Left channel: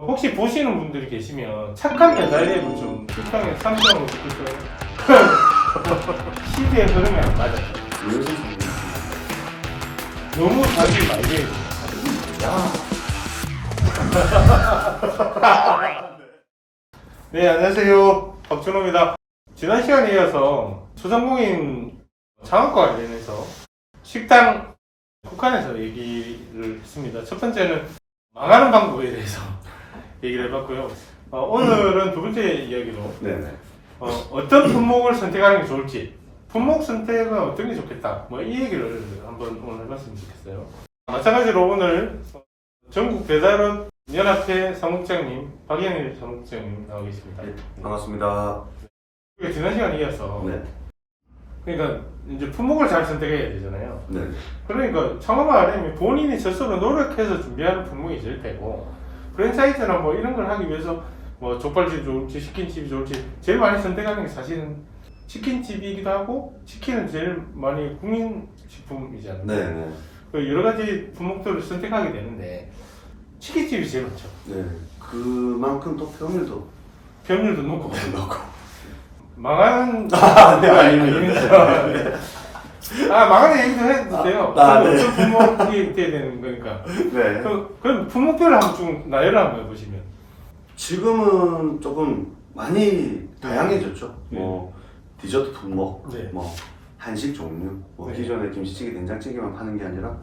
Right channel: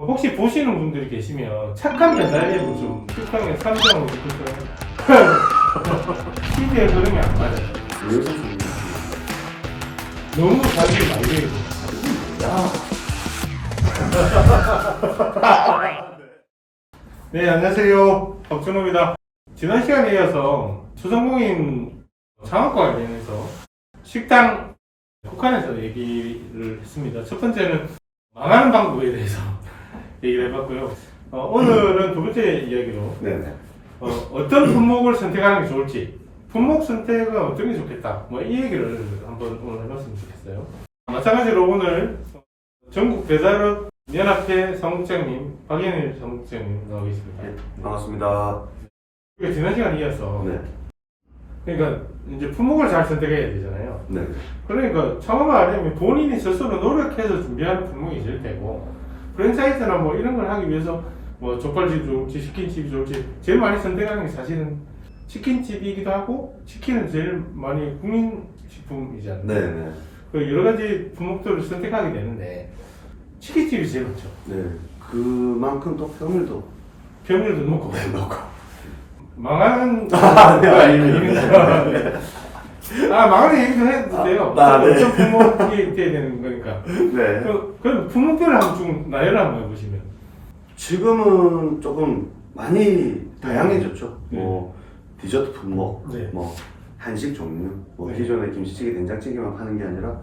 혹시 보시는 분들이 계시면 착한 배달 앱을 좀 쿠팡에 선정을 해주세요. 시대의 흐름이 안 맞아요. 너무 자기 말려요. 네, 안녕하세요. 박준호입니다. 지난 시간에 이어서 소상공인 창업과 관련해서 식당 북한에서 얘기를 했습니다. 첫 번째는 망하는 방법에 대해서 얘기를 해봤고요. 오늘은 두 번째 이야기로 어떤 품목을 선택하는 게 좋을지, 품목 선택은 어떤 게 좋겠다, 뭐 이 얘기를 한번 오늘 해봤으면 좋겠어요. 마찬가지로 오늘 전국 배달업 연합회 사무국장님 박연일 사무국장님 나와 계십니다. 네, 반갑습니다. 지난 시간에 이어서 네. 그러니까 이제 품목을 잘 선택해야 되잖아요. 네. 그러니까 창업을 하려면 본인이 스스로 노력해서 준비하는 품목이 제일 되고, 프랜차이즈나 뭐 이런 걸 하기 위해서 뭐 족발집이 좋을지 치킨집이 좋을지 제일 많이 선택하는 게 사실은 치킨집이기도 하고, 치킨은 제일 많이 국민식품이잖아요. 네. 그 여러 가지 품목들을 선택하게 되는데 치킨집이 제일 많죠. 네. 그만큼 또 평일도 겸율도 높고 넣고. 망하는 네, 아닙니다. 망하는 얘기도 해도 돼요. 네. 어떤 품목이 돼야 되는 거니까. 네. 그럼 품목별을 한번 좀 나열을 한번 해보시면. 지금은 조금 많이 다양해졌죠. 네. 뭐 디저트 품목, 네. 뭐 한식 종류, 뭐 네. 기존에 김치찌개, 된장찌개만 파는 게 아니라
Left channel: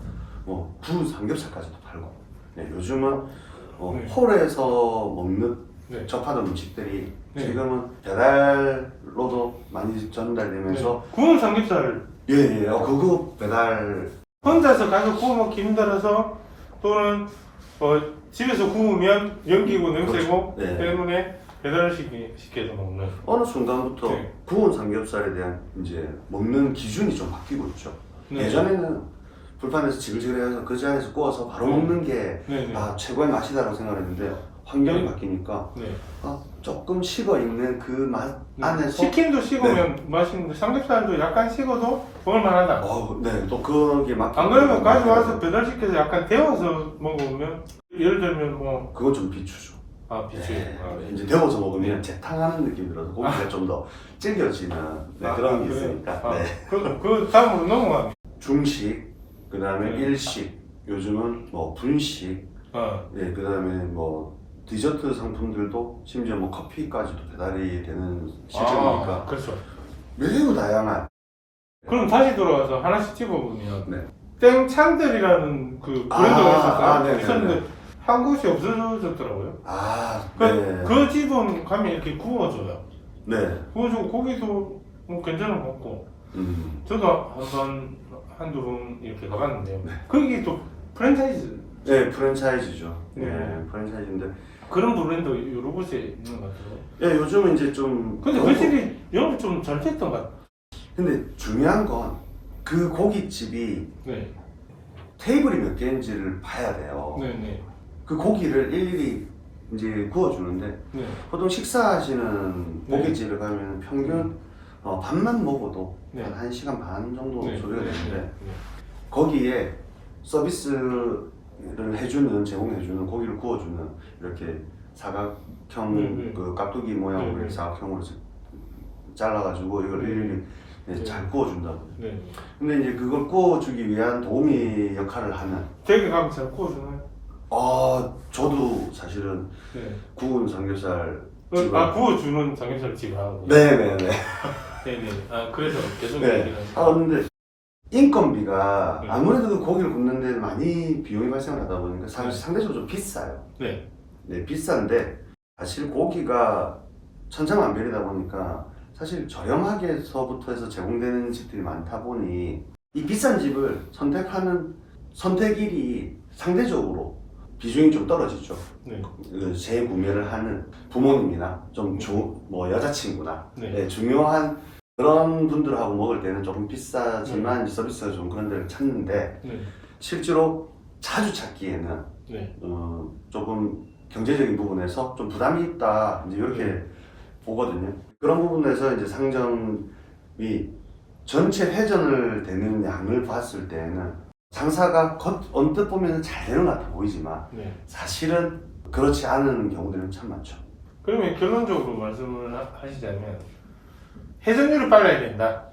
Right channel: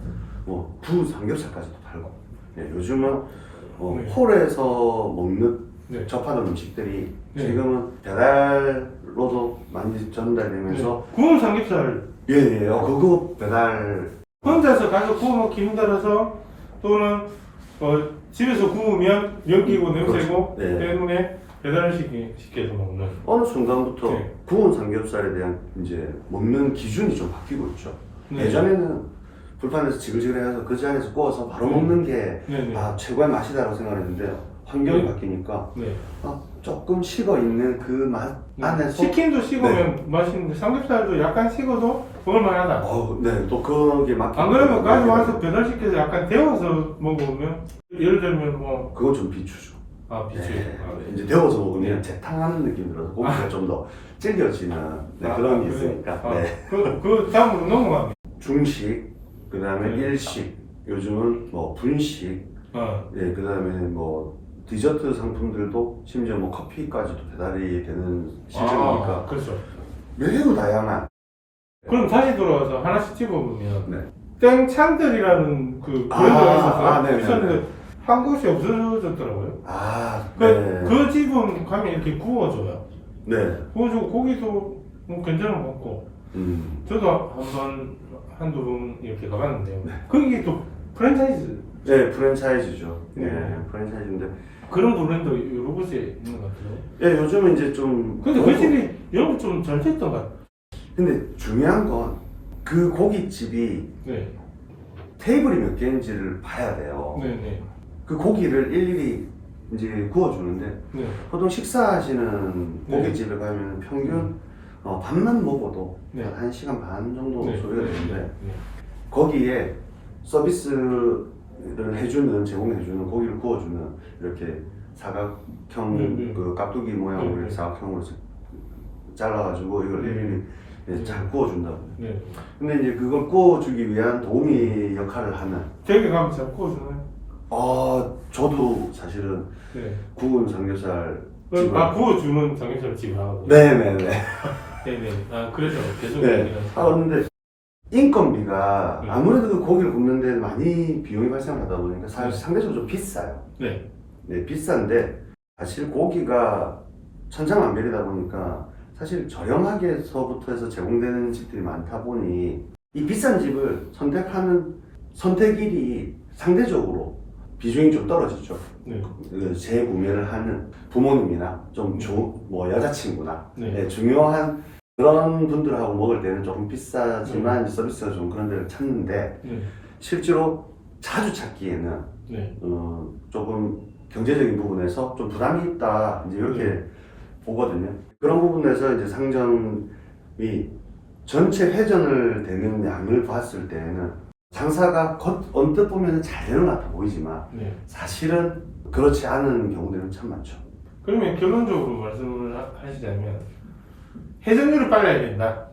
뭐 구 삼겹살까지도 팔고. 네, 요즘은 네. 홀에서 먹는 네. 접하는 음식들이 네. 지금은 배달로도 많이 전달되면서 구운 삼겹살 예, 그거 배달 혼자서 가서 구우면 기름 달아서, 또는 집에서 구우면 연기고 냄새고 그렇죠. 네. 때문에 배달을 시켜서 먹는. 어느 순간부터 네. 구운 삼겹살에 대한 이제 먹는 기준이 좀 바뀌고 있죠. 네. 예전에는 불판에서 지글지글해서 그 자리에서 구워서 바로 네. 먹는 게 네. 최고의 맛이다라고 생각했는데 환경이 네. 바뀌니까 네. 조금 식어 있는 그 맛 안에서 치킨도 식으면 맛있는데 삼겹살도 약간 식어도 먹을만하다. 네, 또 거기에 맞게 안 그러면 가져와서 배달시켜서 약간 데워서 먹으면, 예를 들면 뭐 그건 좀 비추죠. 비추. 네. 이제 데워서 먹으면 네. 재탕하는 느낌이 들어서 고기가 좀 더 질겨지는 그런 게 그래요? 있으니까. 네. 그 다음으로 넘어가면. 중식, 그 다음에 네. 일식, 요즘은 뭐 분식, 예, 그 다음에 뭐 디저트 상품들도 심지어 뭐 커피까지도 배달이 되는 시점이니까 그렇죠. 매우 다양한. 그럼 다시 돌아와서 하나씩 집어보면, 네. 땡찬들이라는 그 브랜드가 있었어요. 네네. 있었는데 한 곳이 없어졌더라고요. 그 집은 가면 이렇게 구워줘요. 네. 구워주고 고기도 괜찮은 거 같고, 저도 한두 번 이렇게 가봤는데요. 네. 거기 또 프랜차이즈, 네, 프랜차이즈죠. 네. 네, 프랜차이즈인데. 그런 브랜드 여러 곳에 있는 것 같아요. 예, 요즘은 이제 좀. 근데 그 집이 영업 좀 잘 됐던 것 같아요. 근데 중요한 건 그 고깃집이 네. 테이블이 몇 개인지를 봐야 돼요. 네네. 그 고기를 일일이 이제 구워주는데 네. 보통 식사하시는 네. 고깃집에 가면 평균 밥만 먹어도 네. 한 1시간 반 정도 네. 소요가 되는데 네. 거기에 서비스를 제공해주는 고기를 구워주는 이렇게 사각형 네. 그 깍두기 모양으로 네. 이렇게 사각형으로 잘라가지고 이걸 일일이 네. 잘 구워준다고. 네. 근데 이제 그걸 구워주기 위한 도우미 역할을 하면 댁에 가면 잘 구워주나요? 저도 사실은 네. 구운 삼겹살 구워주는 삼겹살 집 하고. 네네네. 네네. 그래서 계속 네. 얘기를 하죠. 근데 인건비가 네. 아무래도 그 고기를 굽는 데 많이 비용이 발생하다 보니까 네. 상대적으로 좀 비싸요. 네. 네, 비싼데 사실 고기가 천차만별이다 보니까 사실 저렴하게서부터 해서 제공되는 집들이 많다 보니 이 비싼 집을 선택하는 선택일이 상대적으로 비중이 좀 떨어지죠. 네. 재구매를 하는 부모님이나 좀 여자친구나 네. 중요한 그런 분들하고 먹을 때는 조금 비싸지만 서비스가 좀 그런 데를 찾는데 네. 실제로 자주 찾기에는 네. 조금 경제적인 부분에서 좀 부담이 있다 이제 이렇게 네. 보거든요. 그런 부분에서 이제 상점이 전체 회전을 되는 양을 봤을 때는 장사가 언뜻 보면 잘 되는 것 같아 보이지만 네. 사실은 그렇지 않은 경우들은 참 많죠. 그러면 결론적으로 말씀을 하시자면 회전율이 빨라야 된다.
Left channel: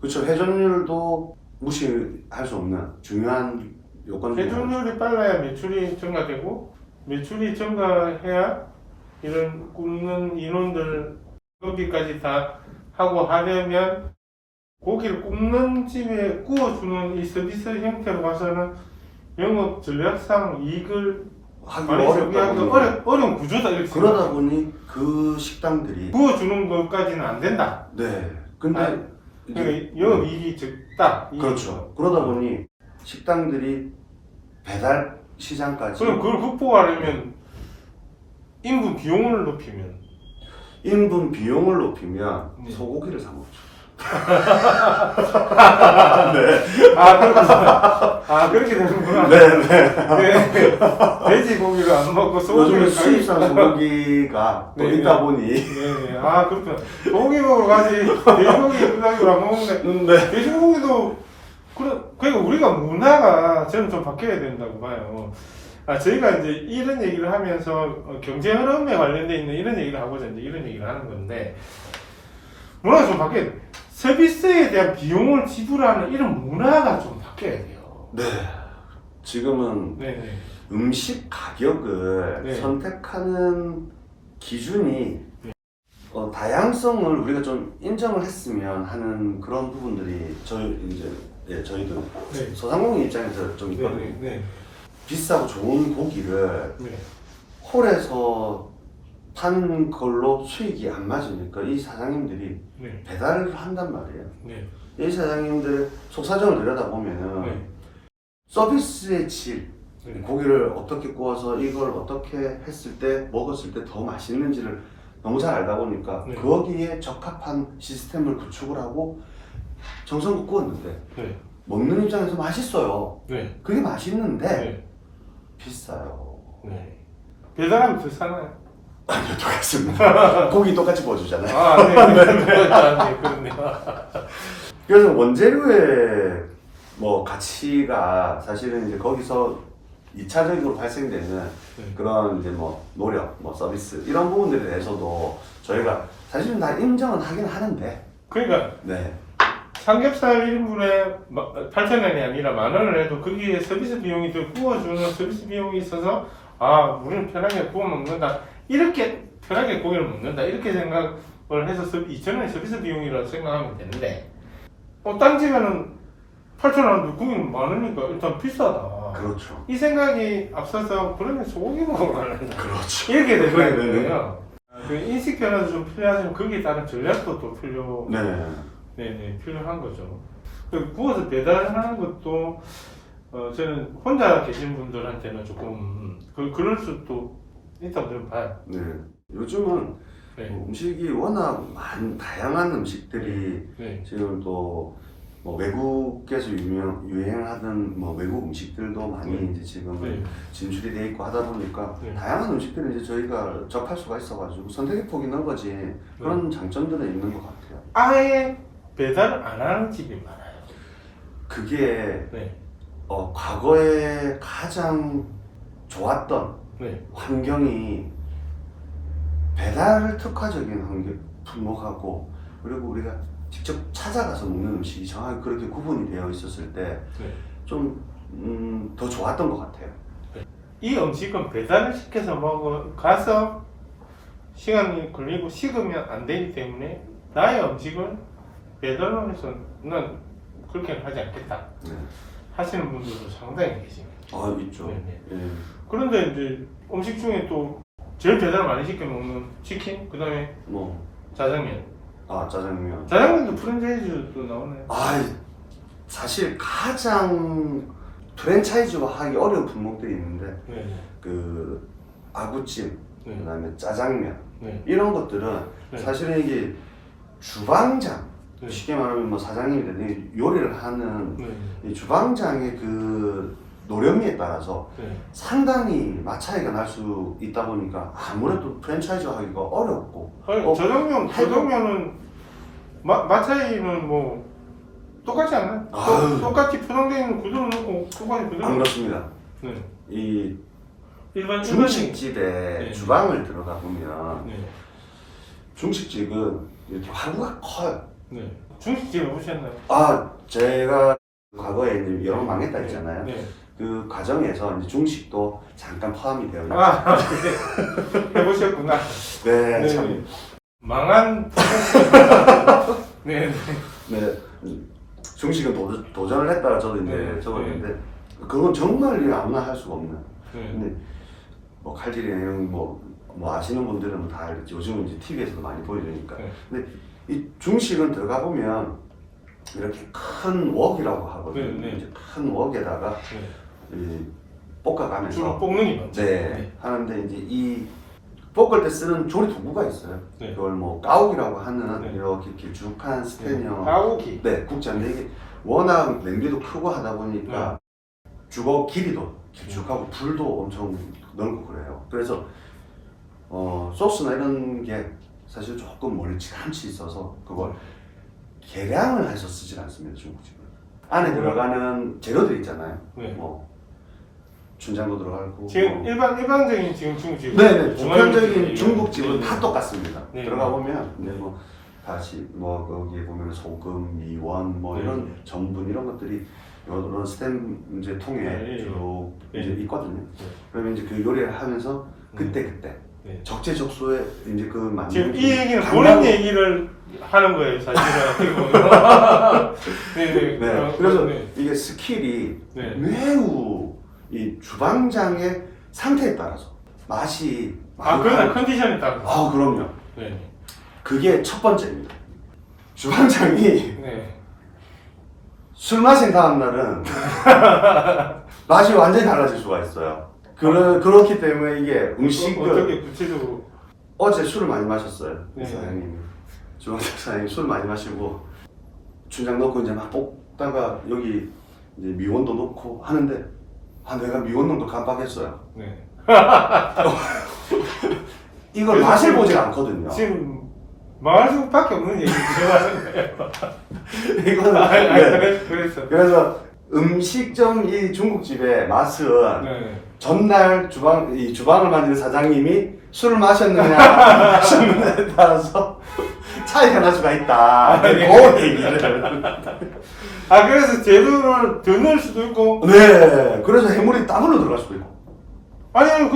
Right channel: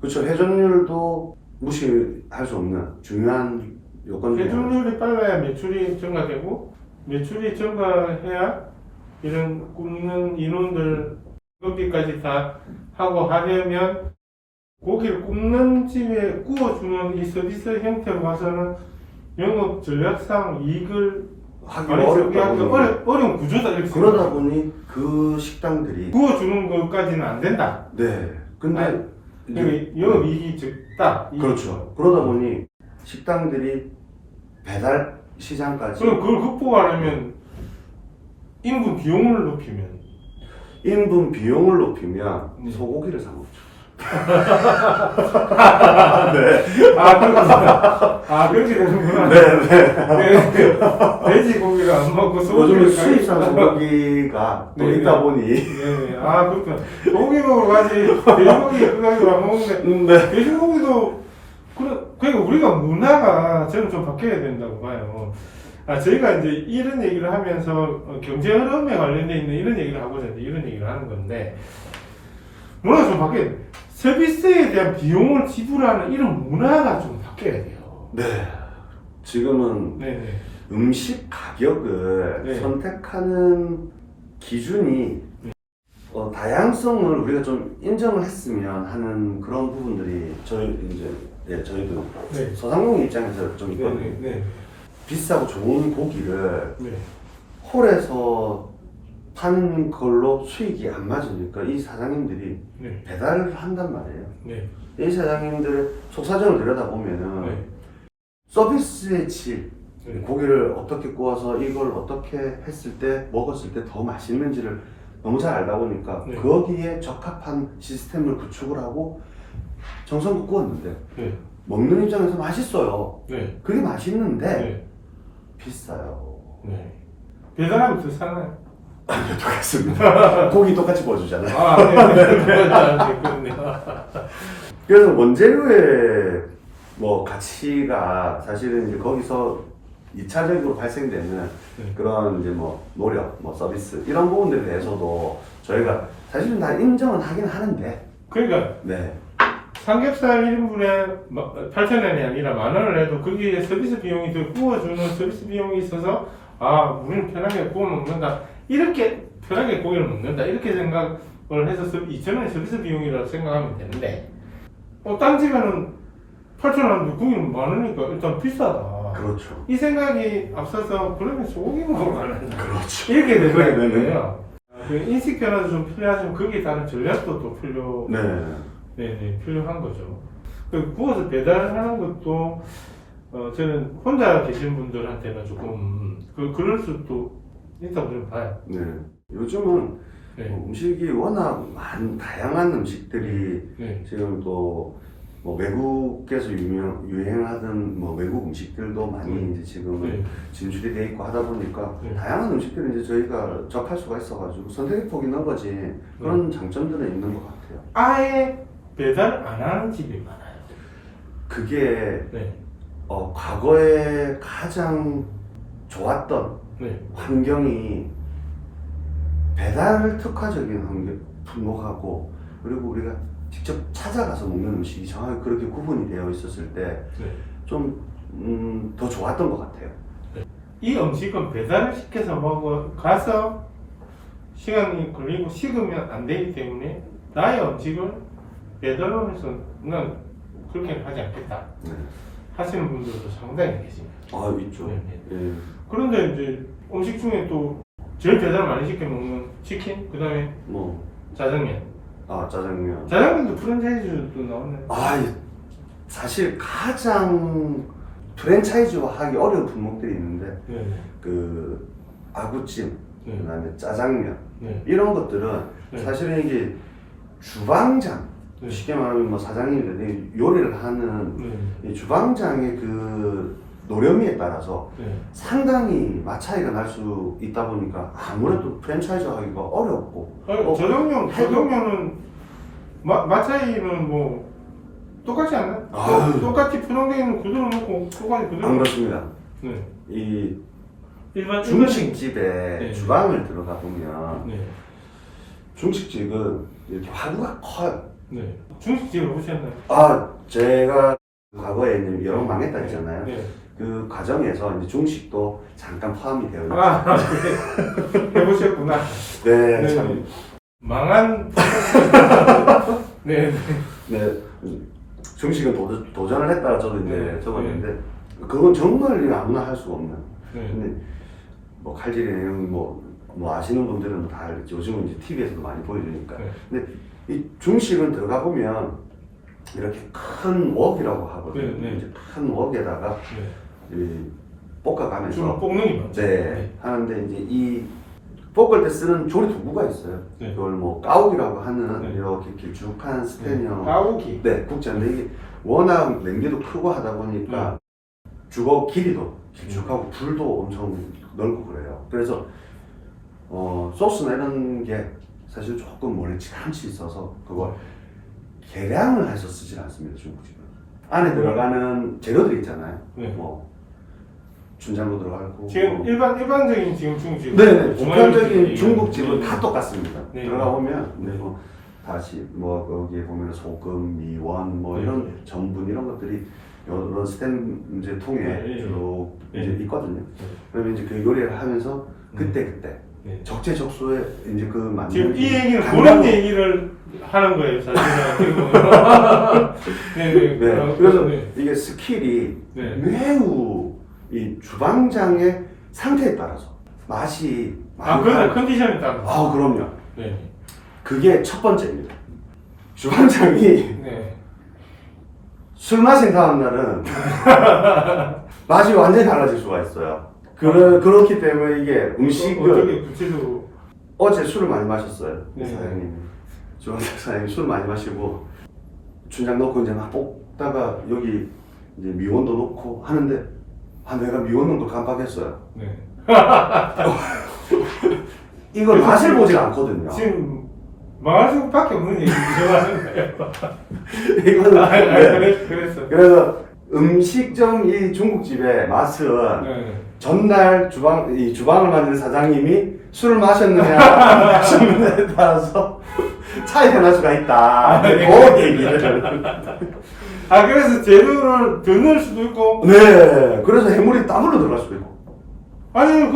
그렇죠. 회전율도 무시할 수 없는 중요한 요건 중에 하나죠. 회전율이 빨라야 매출이 증가되고 매출이 증가해야 이런 굽는 인원들 급비까지 다 하고 하려면 고기를 굽는 집에 구워주는 이 서비스 형태로 가서는 영업 전략상 이익을 하기 많이 어렵다 보니 어려운 구조다 이렇게 그러다 보니 그 식당들이 구워주는 것까지는 안 된다. 네. 근데 아니, 이제 영업이익이 적다. 그렇죠. 그러다 보니 식당들이 배달 시장까지 그럼 그걸 극복하려면 인분 비용을 높이면 인분 비용을 높이면 네. 소고기를 사 먹죠. 그렇게 되는구나. 네. 돼지고기를 안 먹고 요즘 소고기를 수입산 소고기가 또 네, 있다 네. 보니 네네. 그렇구나. 소고기 먹으러 가지 돼지고기 그다음에 안 먹는데 네. 돼지고기도 그러니까 우리가 문화가 저는 좀 바뀌어야 된다고 봐요. 저희가 이제 이런 얘기를 하면서 경제 흐름에 관련돼 있는 이런 얘기를 하고자 이제 이런 얘기를 하는 건데 문화가 좀 바뀌어야 돼. 서비스에 대한 비용을 지불하는 이런 문화가 좀 바뀌어야 돼요. 네. 지금은 네네. 음식 가격을 네. 선택하는 기준이 다양성을 우리가 좀 인정을 했으면 하는 그런 부분들이 저희도 네. 소상공인 입장에서 좀 있거든요. 네. 비싸고 좋은 고기를 네. 홀에서 판 걸로 수익이 안 맞으니까 이 사장님들이 네. 배달을 한단 말이에요. 네. 이 사장님들의 속사정을 들여다보면은 네. 서비스의 질, 네. 고기를 어떻게 구워서 이걸 어떻게 했을 때 먹었을 때 더 맛있는지를 너무 잘 알다 보니까 네. 거기에 적합한 시스템을 구축을 하고 정성껏 구웠는데 네. 먹는 입장에서 맛있어요. 네. 그게 맛있는데 네. 비싸요. 네. 배달하면 더 사나요? 아니요, 똑같습니다. 고기 똑같이 구워주잖아요. 그렇네요. 그래서 원재료의 가치가 사실은 이제 거기서 2차적으로 발생되는 네. 그런 이제 노력, 서비스 이런 부분들에 대해서도 저희가 사실은 다 인정은 하긴 하는데 그러니까 네. 삼겹살 1인분에 8,000원이 아니라 10,000원을 해도 거기에 서비스 비용이 더 구워주는 서비스 비용이 있어서 우리는 편하게 구워 먹는다. 이렇게 편하게 고기를 먹는다. 이렇게 생각을 해서 2,000원이 서비스 비용이라고 생각하면 되는데 딴 집에는 8,000원 고기는 많으니까 일단 비싸다. 그렇죠. 이 생각이 앞서서 그러면 소고기 먹으러 가려나. 그렇죠. 이렇게 되는 그러면은. 거예요. 그 인식 변화도 좀 필요하지만 거기에 따른 전략도 또 필요한 거죠. 그 구워서 배달하는 것도 저는 혼자 계신 분들한테는 조금 그럴 수도 있다고 저는 봐요. 네. 요즘은 네. 음식이 워낙 다양한 음식들이 네. 지금 또 외국에서 유행하던 외국 음식들도 많이 이제 지금은 네. 진출이 돼 있고 하다 보니까 네. 다양한 음식들을 이제 저희가 접할 수가 있어가지고 선택의 폭이 넓어진 그런 장점들은 있는 것 같아요. 아예 배달 안 하는 집이 많아요. 그게 네. 과거에 가장 좋았던 네. 환경이 배달 특화적인 품목하고 그리고 우리가 직접 찾아가서 먹는 음식이 정확히 그렇게 구분이 되어 있었을 때 좀 더 좋았던 것 같아요. 이 음식은 배달을 시켜서 가서 시간이 걸리고 식으면 안 되기 때문에 나의 음식을 배달로 해서 난 그렇게는 하지 않겠다 네. 하시는 분들도 상당히 계십니다. 있죠. 네. 예. 그런데 이제 음식 중에 또 제일 배달 많이 시켜 먹는 치킨, 그 다음에 짜장면. 짜장면. 짜장면도 프랜차이즈도 나오네. 사실 가장 프랜차이즈화 하기 어려운 품목들이 있는데 네. 그 아구찜, 네. 그다음에 짜장면 네. 이런 것들은 네. 사실은 이게 주방장 네. 쉽게 말하면 사장님들이 요리를 하는 네. 이 주방장의 그 노련미에 따라서 네. 상당히 맛 차이가 날 수 있다 보니까 아무래도 프랜차이즈 하기가 어렵고 짜장면은 맛 차이는 똑같지 않아요? 똑같이 포장되어 있는 구조를 놓고 똑같이 그대로. 안 그렇습니다. 네. 이 일반 중식집에 네. 주방을 들어가 보면 네. 중식집은 이렇게 화구가 커요. 네. 중식집을 보셨나요? 아, 제가 과거에 이제 여러 번 망했다 했잖아요. 네. 그 과정에서 이제 중식도 잠깐 포함이 되어 있어요. 아, 네. 해보셨구나. 네, 네. 참. 망한. 네. 네, 중식은 도전을 했다 저도 이제 네. 적었는데 그건 정말 아무나 할 수가 없는. 네. 근데 뭐 칼질이나 뭐 아시는 분들은 다 알겠죠. 요즘은 이제 TV에서도 많이 보여주니까. 네. 근데 이 중식은 들어가 보면 이렇게 큰 웍이라고 하거든요. 네, 네. 이제 큰 웍에다가 네. 이 볶아가면서 주로 볶는 게 많죠. 네, 하는데 이제 이 볶을 때 쓰는 조리 도구가 있어요. 네. 그걸 뭐 까옥이라고 하는 네. 이렇게 길쭉한 스테인형 까오기. 네, 국자인데 이게 워낙 냄비도 크고 하다 보니까 주걱 길이도 길쭉하고 불도 엄청 넓고 그래요. 그래서 소스나 이런 게 사실 조금 멀찌감치 있어서 그걸 계량을 해서 쓰질 않습니다, 중국집은. 안에 들어가는 재료들 있잖아요. 네. 뭐 춘장도 들어가고 지금 일반적인 지금 중국집. 네, 보편적인 중국집은 네. 다 똑같습니다. 네. 들어가 보면 네. 뭐 다시 뭐 거기에 보면 소금, 미원 뭐 네. 이런 전분 이런 것들이 이런 스텐 이제 통에 네. 쭉 네. 이제 있거든요. 네. 그러면 이제 그 요리를 하면서 그때 네. 적재적소에 이제 그 맞는 지금 이 얘기는 간장- 그런 얘기를 하는 거예요, 사실은. 네, 네, 그래서 네. 이게 스킬이 네. 매우 이 주방장의 상태에 따라서 맛이 아, 많이 그러나 다르- 컨디션에 따라서. 아, 그럼요. 네. 그게 첫 번째입니다. 주방장이 네. 술 마신 다음 날은 맛이 완전히 달라질 수가 있어요. 그렇기 때문에 이게 음식을 어떻게 구체적으로. 어제 술을 많이 마셨어요. 네. 사장님, 주방장 사장님 술 많이 마시고 춘장 넣고 이제 막 볶다가 여기 이제 미원도 넣고 하는데 내가 미원농도 깜빡했어요. 네. 이걸 맛을 보질 않거든요. 지금 망할 수밖에 없는 얘기 하는 거예요. 이거는 네. 그랬어. 그래서 음식점 이 중국집의 맛은 네. 전날 이 주방을 만드는 사장님이 술을 마셨느냐 마셨느냐에 따라서 차이가 날 수가 있다. 네. 그 얘기를. 아, 그래서 재료를 더 넣을 수도 있고. 네. 그래서 해물이 땀으로 들어갈 수도 있고. 아니,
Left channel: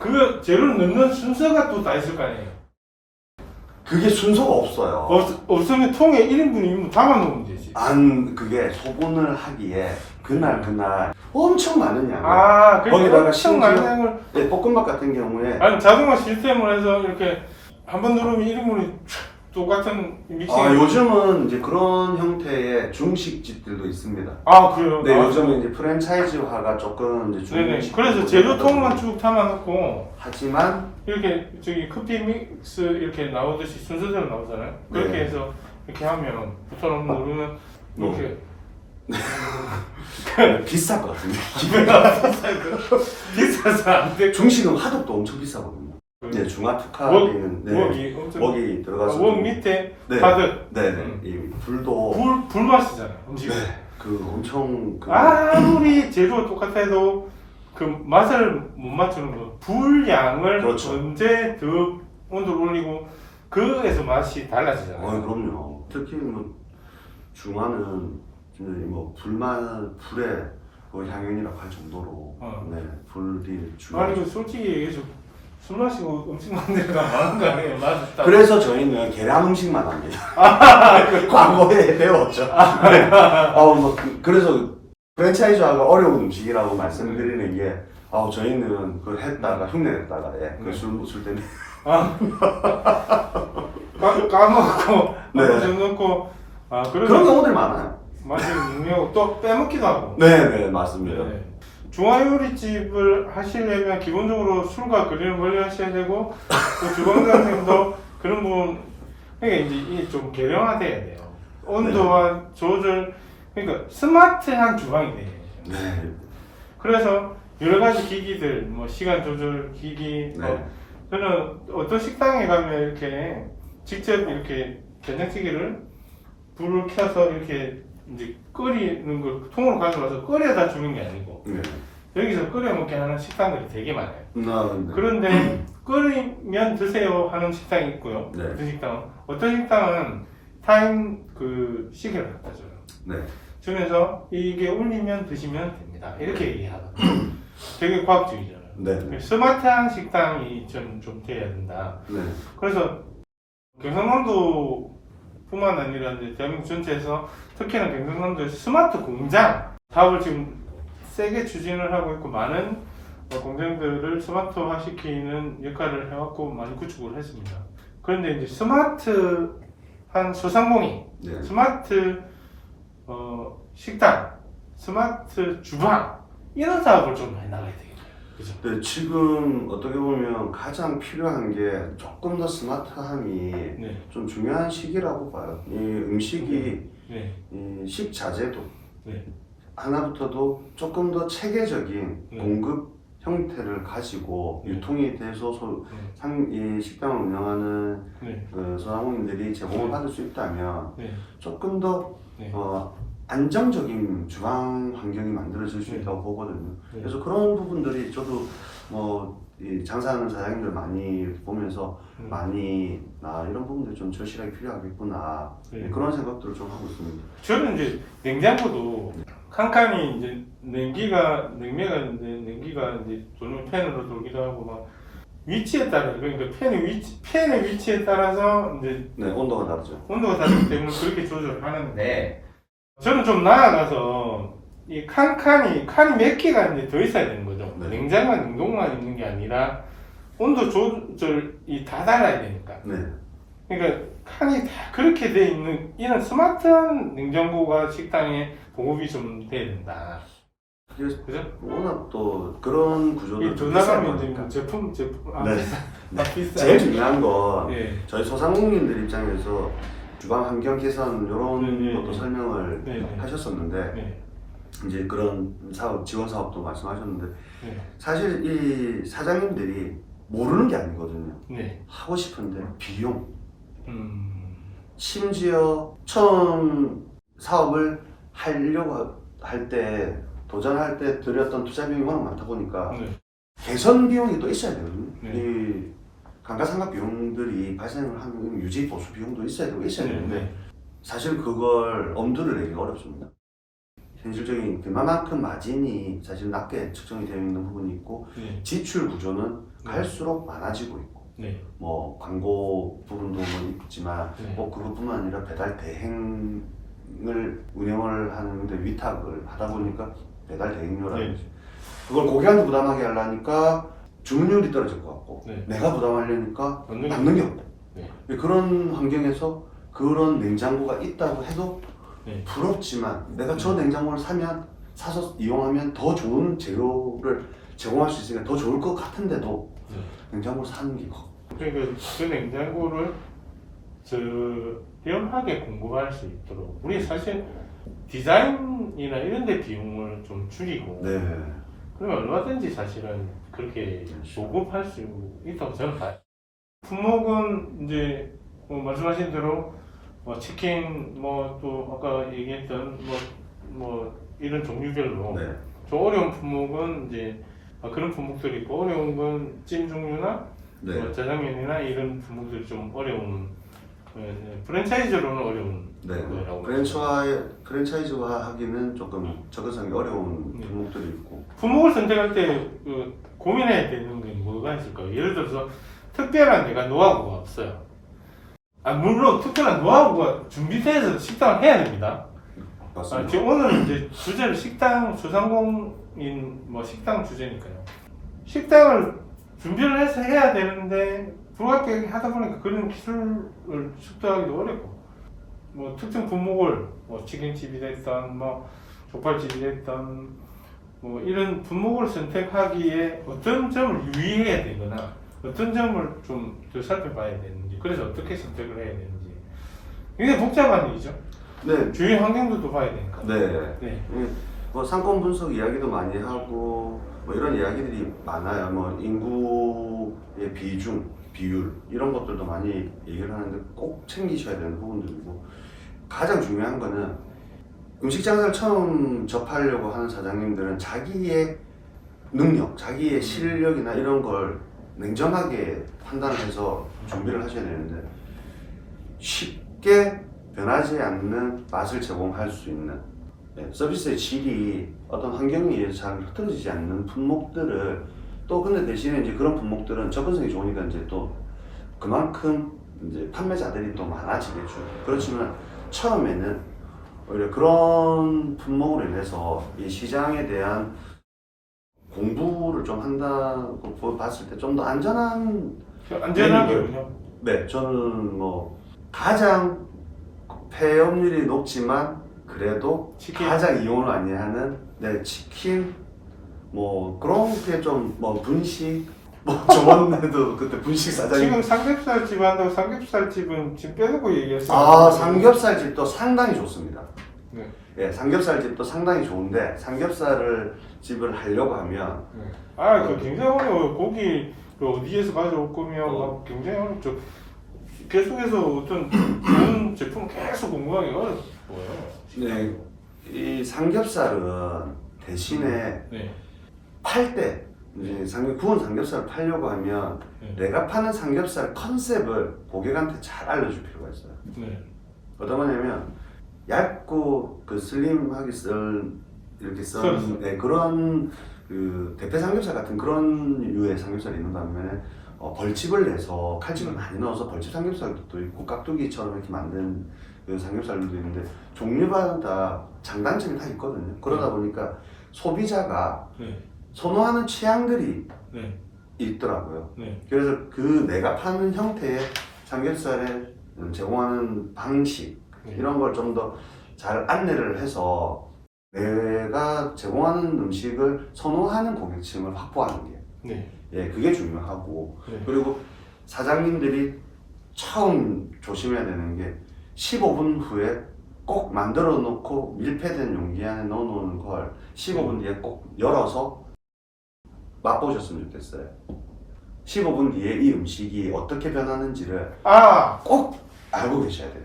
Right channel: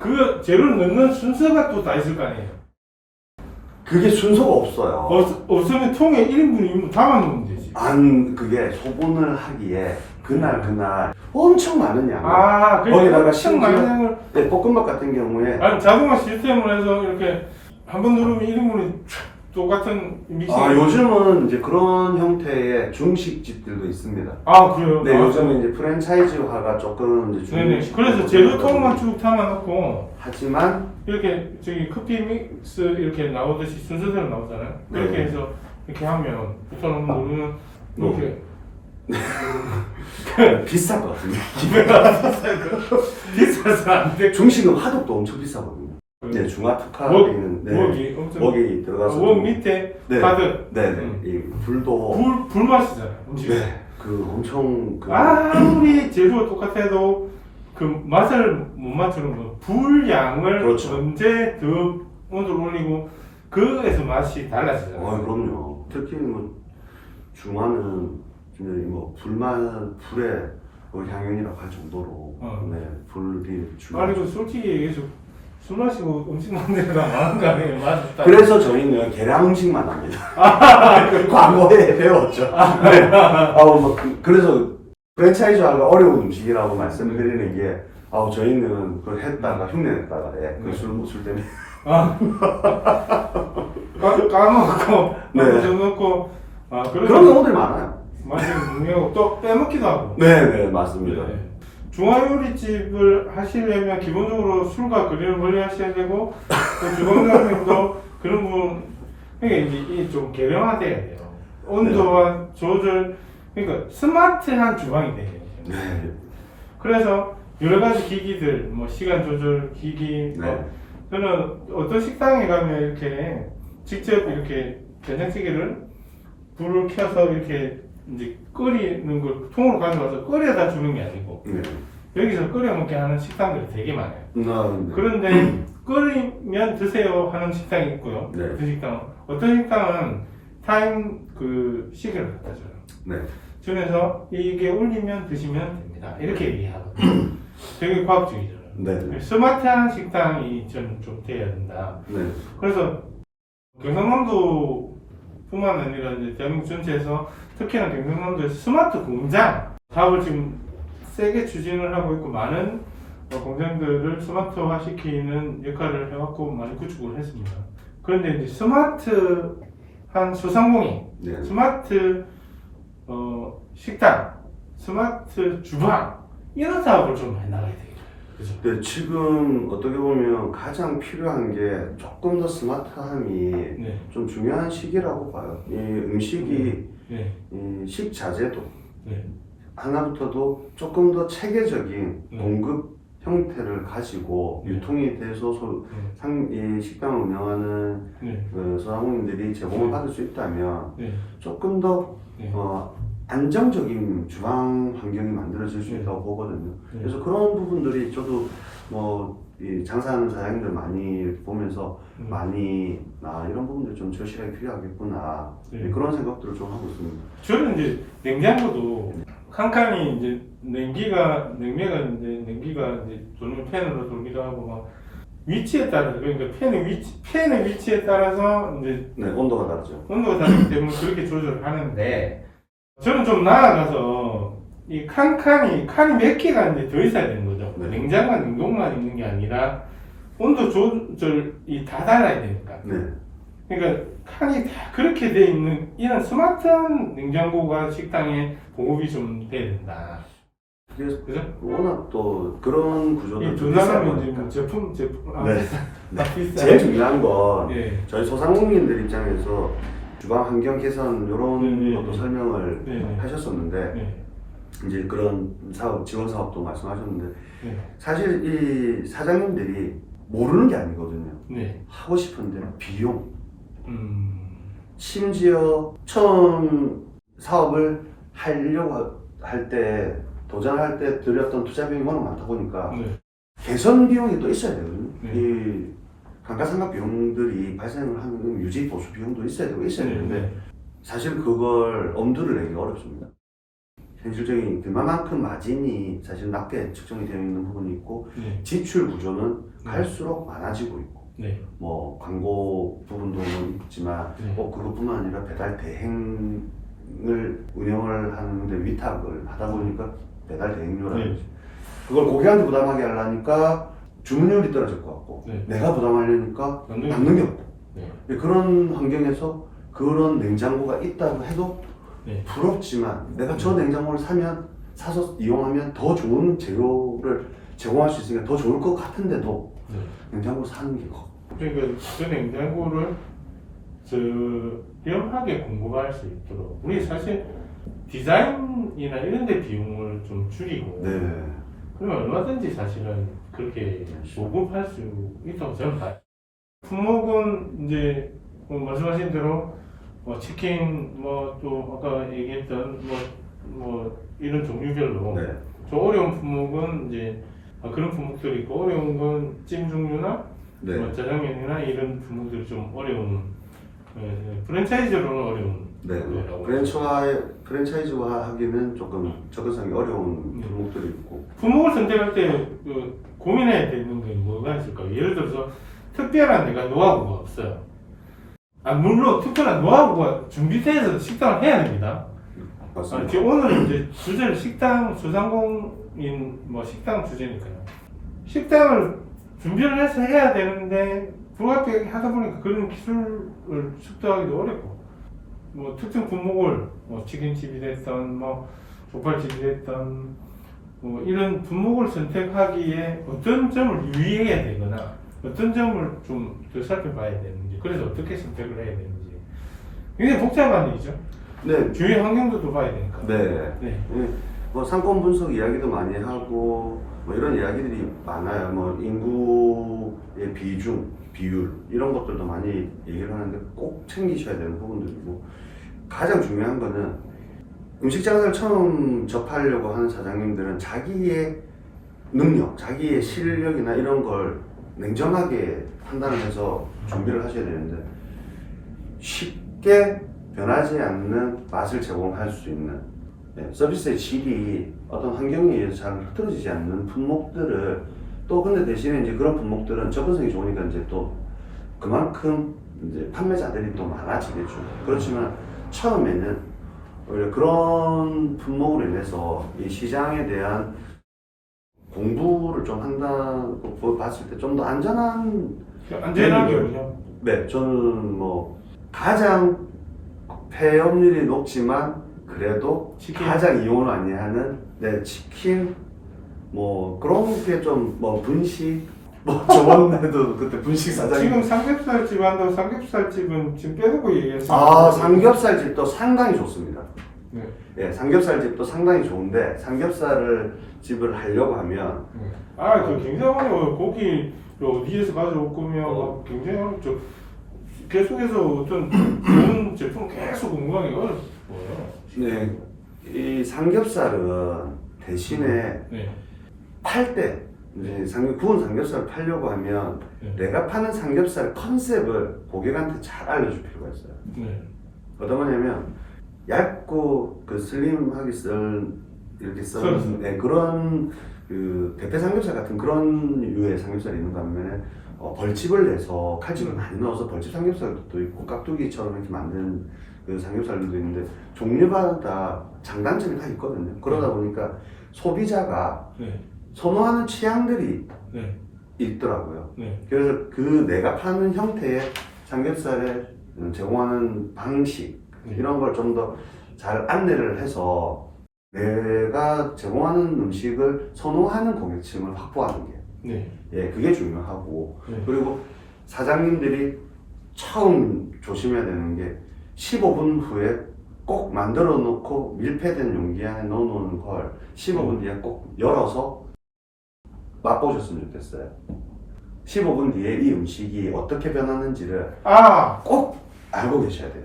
그 재료를 넣는 순서가 또 다 있을 거 아니에요. 그게 순서가 없어요. 없으면 통에 1인분이면 담아 놓으면 되지. 그게 소분을 하기에 그날 엄청 많은 양. 아, 거기다가 엄청 많은 심지어 양을. 네, 볶음밥 같은 경우에 아니, 자동화 시스템으로 해서 이렇게 한 번 누르면 1인분이 똑같은 믹싱. 요즘은 이제 그런 형태의 중식집들도 있습니다. 아, 그래요? 네, 아, 요즘은 이제 프랜차이즈화가 조금 이제 네네. 중식. 그래서 재료통만 쭉 담아놓고 하지만 이렇게 저기 커피 믹스 이렇게 나오듯이 순서대로 나오잖아요. 그렇게 네. 해서 이렇게 하면 부터 누르면 이렇게 비쌀 것 같은데. 비싸서 안 돼. 중식은 화덕도 엄청 비싸거든요. 네, 중화 특화에는 웍이 엄청. 웍이 들어가서 웍 밑에 네. 가득. 네네 이 불도 불맛이잖아요. 음식. 네, 그 엄청 아무리 재료가 똑같아도 그 맛을 못 맞추는 거. 불량을 그렇죠. 언제 더 온도를 올리고 그에서 맛이 달라지잖아요. 그럼요. 특히 뭐 중화는 뭐 불에 거의 향연이라고 할 정도로 네, 불이 아니 그 솔직히 얘기해서 술 마시고 음식 만드느라 많은 거 아니에요? 맛있다. 그래서 저희는 계란 음식만 합니다. 광고에 배웠죠. 네. 뭐 그래서 프랜차이즈화가 어려운 음식이라고 말씀드리는 게 저희는 그걸 했다가 흉내냈다가 술 때문에 까먹고 네. 좀 넣고 그런 경우들이 많아요. 맛이 중요하고 또 빼먹기도 하고. 네, 맞습니다. 네. 중화요리집을 하시려면 기본적으로 술과 그림을 멀리 하셔야 되고 또 주방장님도 그런 부분 그러니까 이제 이게 좀 개량화돼야 돼요. 온도와 조절 그러니까 스마트한 주방이 돼요. 네. 그래서 여러 가지 기기들 뭐 시간 조절 기기 네. 저는 어떤 식당에 가면 이렇게 직접 이렇게 된장찌개를 불을 켜서 이렇게 이제 끓이는 걸 통으로 가져와서 끓여다 주는 게 아니고 네. 여기서 끓여 먹게 하는 식당들이 되게 많아요. 네. 그런데 끓이면 드세요 하는 식당이 있고요. 네. 어떤 식당은 어떤 식당은 타임 그 시계를 갖다 줘요. 네. 중에서 이게 울리면 드시면 됩니다. 이렇게 얘기하거든요. 되게 과학적이잖아요. 네. 스마트한 식당이 좀 돼야 된다. 네. 그래서 경상남도뿐만 아니라 이제 대한민국 전체에서 특히나 경상남도에서 스마트 공장 사업을 지금 세게 추진을 하고 있고 많은 공장들을 스마트화 시키는 역할을 해왔고 많이 구축을 했습니다. 그런데 이제 스마트한 소상공인, 네. 스마트 식당, 스마트 주방 이런 사업을 좀 해나가야 되겠다. 그죠? 네, 지금 어떻게 보면 가장 필요한 게 조금 더 스마트함이 네. 좀 중요한 시기라고 봐요. 이 음식이 네. 이 식자재도 네. 하나부터도 조금 더 체계적인 네. 공급 형태를 가지고 네. 유통이 돼서 이 식당을 운영하는 네. 소상공인들이 제공을 받을 수 있다면 네. 조금 더 네. 안정적인 주방 환경이 만들어질 수 네. 있다고 보거든요. 네. 그래서 그런 부분들이 저도 이 장사하는 사장님들 많이 보면서 많이 이런 부분들이 좀 절실하게 필요하겠구나. 네. 그런 생각들을 좀 하고 있습니다. 저는 이제 냉장고도 칸칸이 이제 냉기가 이제 돌면 팬으로 돌기도 하고 막 위치에 따라서 그러니까 팬의 위치에 따라서 이제 네, 온도가 다르죠. 온도가 다르기 때문에 그렇게 조절하는데 저는 좀 나아가서 이 칸이 몇 개가 이제 더 있어야 되는 거죠. 네. 냉장과 냉동만 있는 게 아니라 온도 조절이 다 달라야 되니까. 네. 그러니까 칸이 다 그렇게 돼 있는 이런 스마트한 냉장고가 식당에 보급이 좀 돼야 된다. 그래서 그죠? 워낙 또 그런 구조들 이두 나라면 이제 뭐 제품 네. 비싸. 제일 중요한 건 예. 저희 소상공인들 입장에서 주방 환경 개선 이런 네, 것도 네, 설명을 네. 하셨었는데 네. 이제 그런 사업 지원 사업도 말씀하셨는데 네. 사실 이 사장님들이 모르는 게 아니거든요. 네. 하고 싶은데 비용 심지어 처음 사업을 하려고 할 때 도전할 때 들였던 투자 비용이 워낙 많다 보니까 네. 개선 비용이 또 있어야 되거든요. 네. 이 감가상각 비용들이 발생을 하는 유지 보수 비용도 있어야 되는데 네. 사실 그걸 엄두를 내기 어렵습니다. 현실적인 그만큼 마진이 사실 낮게 측정이 되어 있는 부분이 있고 네. 지출 구조는 네. 갈수록 많아지고 있고 네. 뭐 광고 부분도 있지만 네. 꼭 그것뿐만 아니라 배달 대행을 운영을 하는데 위탁을 하다 보니까 배달 대행료라든지 네. 그걸 고객한테 부담하게 하려니까 주문율이 떨어질 것 같고 네. 내가 부담하려니까 남는 남는 게 없고 네. 그런 환경에서 그런 냉장고가 있다고 해도 네. 부럽지만 내가 저 냉장고를 사서 이용하면 더 좋은 재료를 제공할 수 있으니까 더 좋을 것 같은데도 네. 냉장고를 사는 게 커. 그러니까 그 냉장고를 저렴하게 공급할 수 있도록 우리 사실 디자인이나 이런 데 비용을 좀 줄이고 네. 그러면 얼마든지 사실은 그렇게 보급할 수 있다고 저는 봐요. 품목은 이제 뭐 말씀하신 대로 뭐 치킨 뭐 또 아까 얘기했던 뭐 이런 종류별로 네. 좀 어려운 품목은 이제 그런 품목들이 있고 어려운 건 찜 종류나 네. 뭐 짜장면이나 이런 품목들이 좀 어려운 프랜차이즈로는 어려운 네. 거라고 프랜차이즈화 하기는 조금 접근성이 어려운 네. 품목들이 있고. 품목을 선택할 때 고민해야 되는 게 뭐가 있을까요? 예를 들어서 특별한 내가 노하우가 없어요. 물론 특별한 노하우가 준비돼서 식당을 해야 됩니다. 맞습니다. 오늘은 이제 주제를 식당 소상공인 뭐 식당 주제니까요. 식당을 준비를 해서 해야 되는데 불가피하게 하다 보니까 그런 기술을 습득하기도 어렵고 뭐 특정 품목을 뭐 치킨집이 됐던 뭐 족발집이 됐던 뭐 이런 품목을 선택하기에 어떤 점을 유의해야 되거나 어떤 점을 좀 더 살펴봐야 되는지 그래서 어떻게 선택을 해야 되는지 굉장히 복잡한 일이죠. 네. 주위 환경도 또 봐야 되니까. 네. 네. 뭐 상권 분석 이야기도 많이 하고 뭐 이런 이야기들이 많아요. 뭐 인구의 비중, 비율 이런 것들도 많이 얘기를 하는데 꼭 챙기셔야 되는 부분들이고 가장 중요한 거는 음식 장사를 처음 접하려고 하는 사장님들은 자기의 능력, 자기의 실력이나 이런 걸 냉정하게 판단을 해서 준비를 하셔야 되는데 쉽게 변하지 않는 맛을 제공할 수 있는 서비스의 질이 어떤 환경에 의해서 잘 흐트러지지 않는 품목들을 또 근데 대신에 이제 그런 품목들은 접근성이 좋으니까 이제 또 그만큼 이제 판매자들이 또 많아지겠죠. 그렇지만 처음에는 오히려 그런 품목으로 인해서 이 시장에 대한 공부를 좀 한다고 봤을 때 좀 더 안전한 안전하게요. 네, 저는 뭐 가장 폐업률이 높지만 그래도 치킨. 가장 이용을 많이 하는 치킨 뭐 그런 게 좀 뭐 분식 뭐 저번에도 그때 분식 사장님 지금 삼겹살집 한다고 삼겹살집은 지금 빼놓고 얘기했어요. 아 삼겹살집도 상당히 좋습니다. 네. 예, 삼겹살집도 상당히 좋은데 삼겹살을 집을 하려고 하면 네. 그 굉장히 어려워요. 고기 어디에서 가져올 거면 굉장히 어렵죠. 계속해서 어떤 그런 제품 계속 공부하기 어려워요. 네, 이 삼겹살은 대신에 네. 팔 때 이제 구운 삼겹살을 팔려고 하면 네. 내가 파는 삼겹살 컨셉을 고객한테 잘 알려줄 필요가 있어요. 네. 어떤 거냐면 얇고 그 슬림하게 이렇게 썰은 그런 그 대패 삼겹살 같은 그런 유의 삼겹살이 있는 반면에 벌집을 내서 칼집을 많이 넣어서 벌집 삼겹살도 있고 깍두기처럼 이렇게 만든 그 삼겹살들도 있는데 종류마다 장단점이 다 있거든요. 그러다 보니까 소비자가 네. 선호하는 취향들이 네. 있더라고요. 네. 그래서 그 내가 파는 형태의 삼겹살에 제공하는 방식 네. 이런 걸 좀 더 잘 안내를 해서 내가 제공하는 음식을 선호하는 고객층을 확보하는 게 네. 그게 중요하고 네. 그리고 사장님들이 처음 조심해야 되는 게 15분 후에 꼭 만들어 놓고 밀폐된 용기 안에 넣어 놓는 걸 15분 뒤에 꼭 열어서 맛보셨으면 좋겠어요. 15분 뒤에 이 음식이 어떻게 변하는지를 꼭 알고 계셔야 돼요.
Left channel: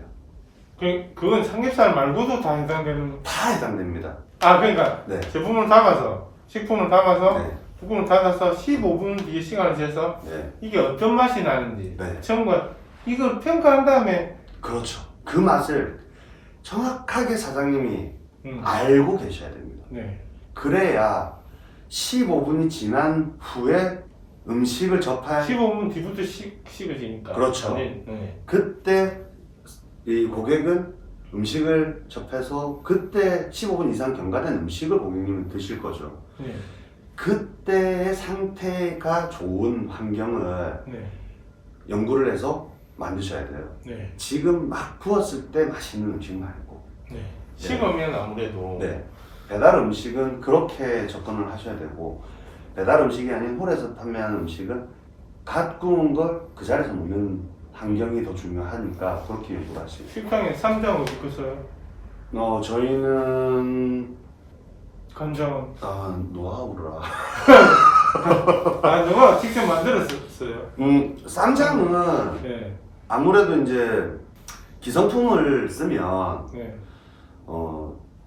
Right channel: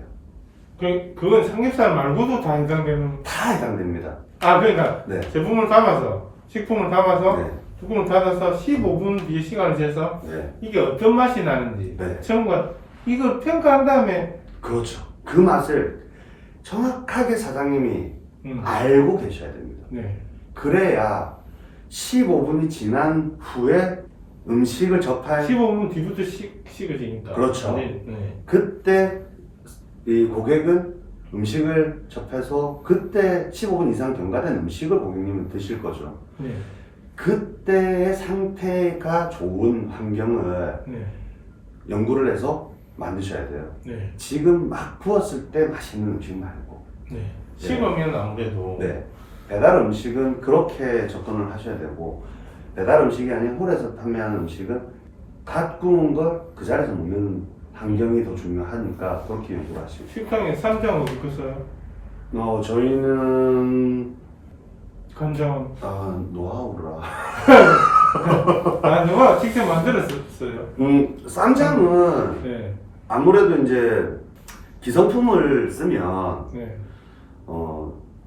그건 삼겹살 말고도 다 해당되는. 다 해당됩니다. 그러니까 네. 제품을 담아서 식품을 담아서 네. 뚜껑을 닫아서 15분 뒤에 시간을 재서 네. 이게 어떤 맛이 나는지 네. 처음과 이걸 평가한 다음에 그렇죠. 그 맛을 정확하게 사장님이 알고 계셔야 됩니다. 네. 그래야 15분이 지난 후에 음식을 접할 15분 뒤부터 식어지니까. 그렇죠. 네. 네. 그때 이 고객은 음식을 접해서 그때 15분 이상 경과된 음식을 고객님은 드실 거죠. 네. 그때의 상태가 좋은 환경을 네. 연구를 해서 만드셔야 돼요. 네. 지금 막 구웠을 때 맛있는 음식 말고. 네. 식으면 아무래도. 네. 배달 음식은 그렇게 접근을 하셔야 되고 배달 음식이 아닌 홀에서 판매하는 음식은 갓 구운 걸 그 자리에서 먹는 환경이 더 중요하니까 그렇게 연구를 하시죠. 식당에 쌈장 어디 있어요? 저희는 간장은. 노하우라. 누가 직접 만들었어요? 쌈장은 네. 아무래도 이제 기성품을 쓰면 네.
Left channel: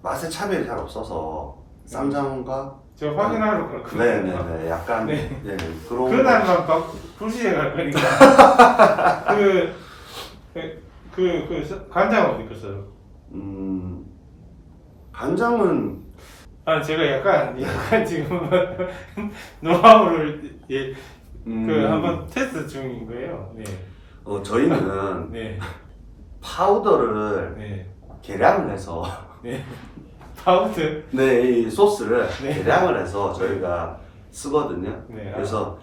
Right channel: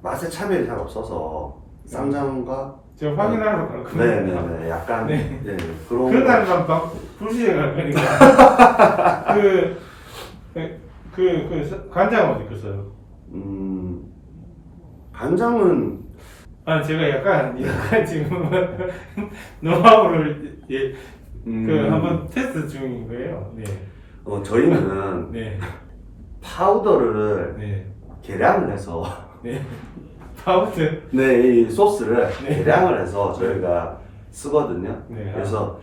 맛의 차별이 잘 없어서 쌈장과 제가 확인하러 갔거든요. 네네네 약간 네. 그런 그날만 막 불시에 갈 거니까. 간장 어디 있어요? 간장은 제가 약간 지금 노하우를 한번 테스트 중인 거예요. 네. 저희는 네. 파우더를 네. 계량을 해서 네. 파우더. 이 소스를 네. 계량을 해서 저희가 쓰거든요. 네. 그래서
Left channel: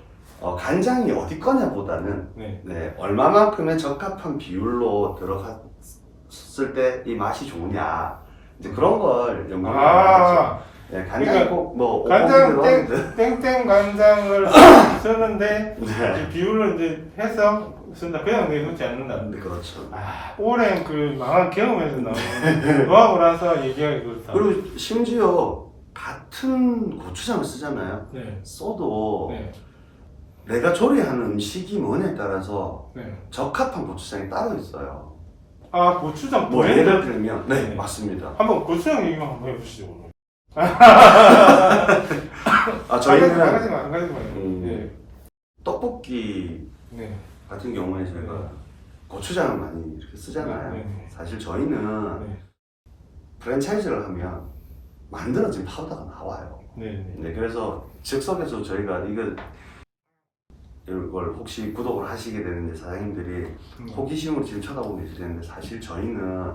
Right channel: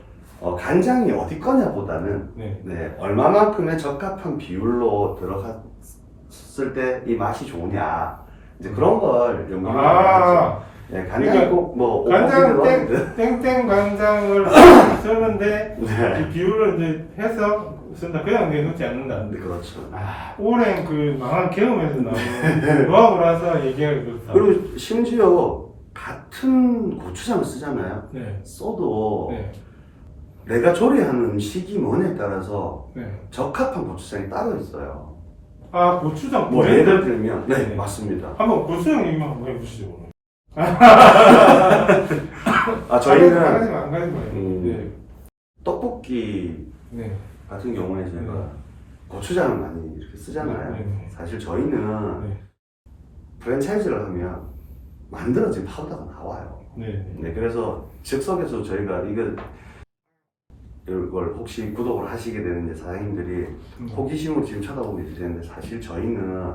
간장이 어디 거냐보다는 네. 얼마만큼의 적합한 비율로 들어갔을 때 이 맛이 좋으냐 이제 그런 걸 연구를 하죠. 간장이 그러니까 꼭 간장 땡땡 간장을 쓰는데 네. 이 비율을 이제 해서 쓴다. 그냥 내놓지 않는다. 네, 그렇죠. 오랜 그 망한 경험에서 나오는 노하우라서 얘기하기 그렇다. 그리고 심지어 같은 고추장을 쓰잖아요. 네. 써도 네. 내가 조리하는 음식이 뭐냐에 따라서 네. 적합한 고추장이 따로 있어요. 고추장 뭐 브랜드? 예를 들면 네. 맞습니다. 한번 고추장 얘기만 한번 해보시죠. 저희는 안 가지 마요. 네. 떡볶이 네. 같은 경우에 저희가 네. 고추장을 많이 이렇게 쓰잖아요. 네. 사실 저희는 네. 프랜차이즈를 하면 만들어진 파우더가 나와요. 네. 네, 그래서 즉석에서 저희가 이걸 혹시 구독을 하시게 되는데 사장님들이 호기심으로 지금 쳐다보고 계시는데 사실 저희는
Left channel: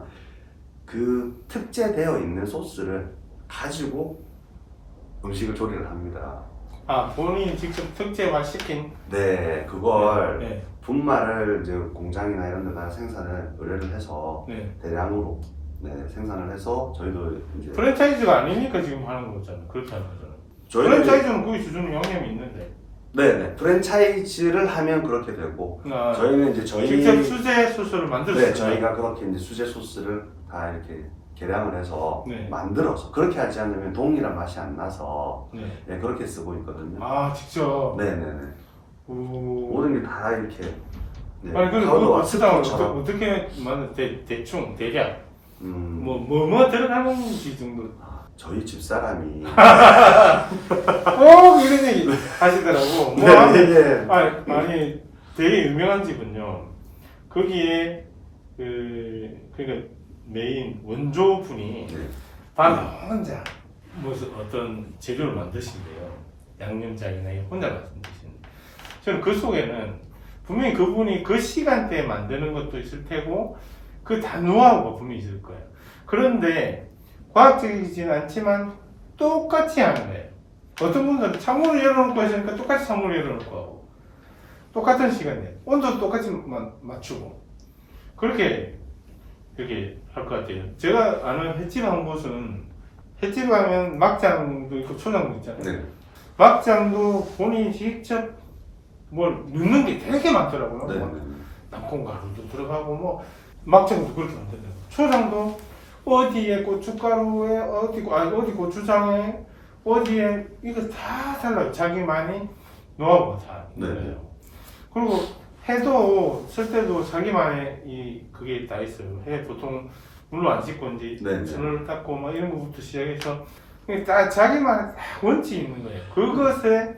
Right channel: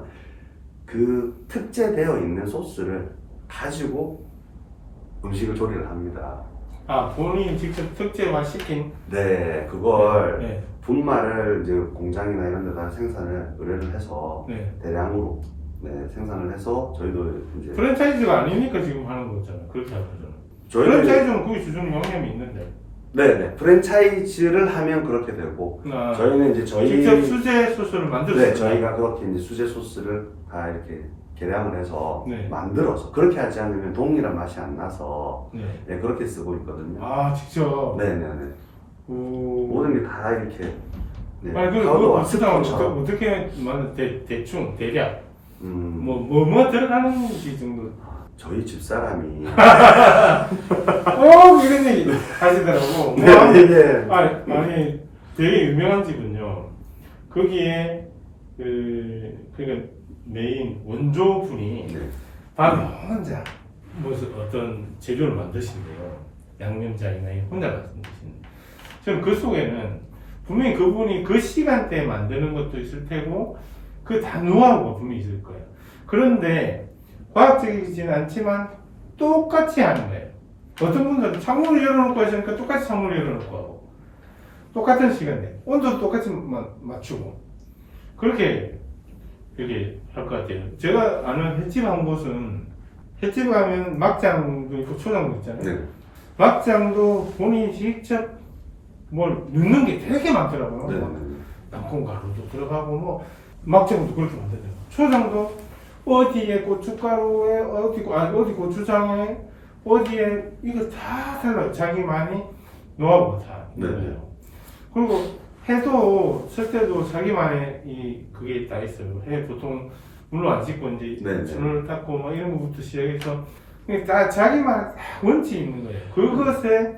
그 특제되어 있는 소스를 가지고 음식을 조리를 합니다. 아, 본인이 직접 특제만 시킨? 네, 그걸 네. 분말을 이제 공장이나 이런 데다 생산을 의뢰를 해서 네. 대량으로 생산을 해서 저희도 이제 프랜차이즈가 아니니까 지금 하는 거잖아요. 그렇게 하는 거잖아요. 저희는 프랜차이즈는 그게 주는 영향이 있는데. 네네 프랜차이즈를 하면 그렇게 되고 저희는 이제 직접 수제 소스를 만들 수 네, 있어요. 저희가 그렇게 이제 수제 소스를 다 이렇게 개량을 해서 네. 만들어서 그렇게 하지 않으면 동일한 맛이 안 나서 네. 네, 그렇게 쓰고 있거든요. 아, 직접. 네네네. 오. 모든 게 다 이렇게 네, 아니, 그리고 파우더와 고추장을 스프처럼 어떻게 만든 대충 대략 음, 뭐 들어가는지 정도. 저희 집사람이 이런 얘기 하시더라고. 네네네. 아니 되게 유명한 집은요. 거기에 그러니까 메인 원조분이 네. 밤에 혼자 무슨 어떤 재료를 만드신대요. 양념장이나 혼자 만드시는. 저는 그 속에는 분명히 그분이 그 시간대에 만드는 것도 있을 테고 그 다 노하우가 분명히 있을 거예요. 그런데 과학적이진 않지만 똑같이 하는 거예요. 어떤 분들은 창문을 열어놓고 하시니까 똑같이 창문을 열어놓고 하고 똑같은 시간에 온도도 똑같이 맞추고 그렇게 할 것 같아요. 제가 아는 횟집 한 곳은 횟집 가면 막장도 있고 초장도 있잖아요. 네. 막장도 본인이 직접 뭘 넣는 게 되게 많더라고요. 네. 땅콩가루도 들어가고 뭐 막장도 그렇게 만들더라고요. 초장도 어디에 고춧가루에 어디 고추장에 어디에 이거 다 달라요. 자기만이 노하우가 다 있어요. 네. 그리고 해도 쓸 때도 자기만의 그게 다 있어요. 해 보통 물로 안 씻고 이제 네. 손을 닦고 뭐 이런 것부터 시작해서 다 자기만의 원칙이 있는 거예요. 그것에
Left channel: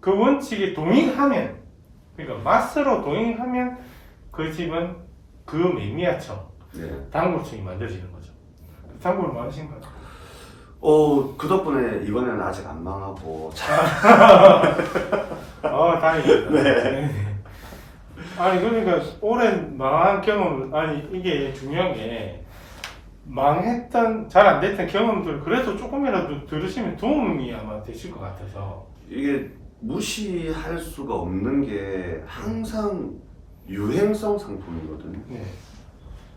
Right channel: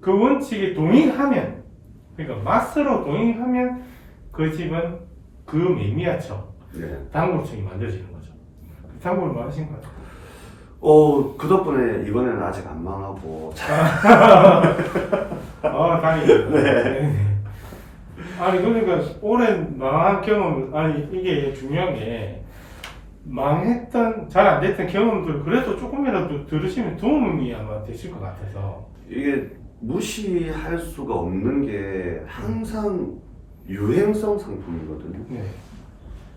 그 원칙에 동의하면 그러니까 맛으로 동의하면 그 집은 그 매니아청 네. 단골층이 만들어지는 거죠. 단골 많으신 것 같아요. 그 덕분에 이번에는 아직 안 망하고 다행이다. 네. 아니 그러니까 오랜 망한 경험 이게 중요한 게 망했던 잘 안 됐던 경험들 그래도 조금이라도 들으시면 도움이 아마 되실 것 같아서 이게 무시할 수가 없는 게 항상 유행성 상품이거든요. 네.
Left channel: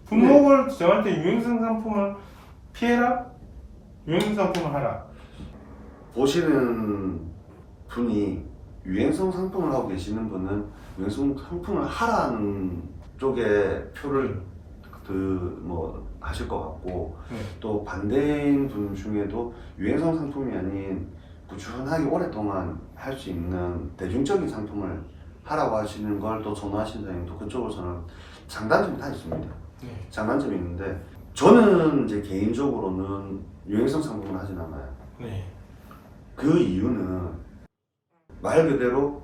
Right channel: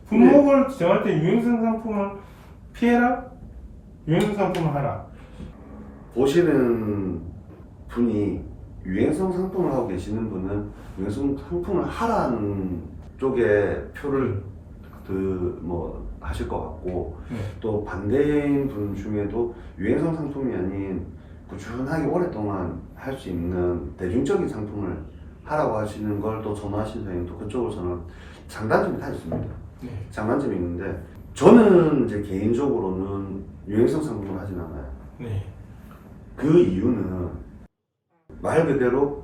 품목을 정할 때 유행성 상품을 피해라, 유행성 상품을 하라. 보시는 분이 유행성 상품을 하고 계시는 분은 유행성 상품을 하라는 쪽에 표를 하실 것 같고 네. 또 반대인 분 중에도 유행성 상품이 아닌 꾸준하게 오랫동안 할 수 있는 대중적인 상품을 하라고 하시는 걸 또 선호하시는 사람이 또 그쪽으로서는 장단점이 다 있습니다. 네. 장단점이 있는데 저는 이제 개인적으로는 유행성 상품을 하진 않아요. 네. 그 이유는 말 그대로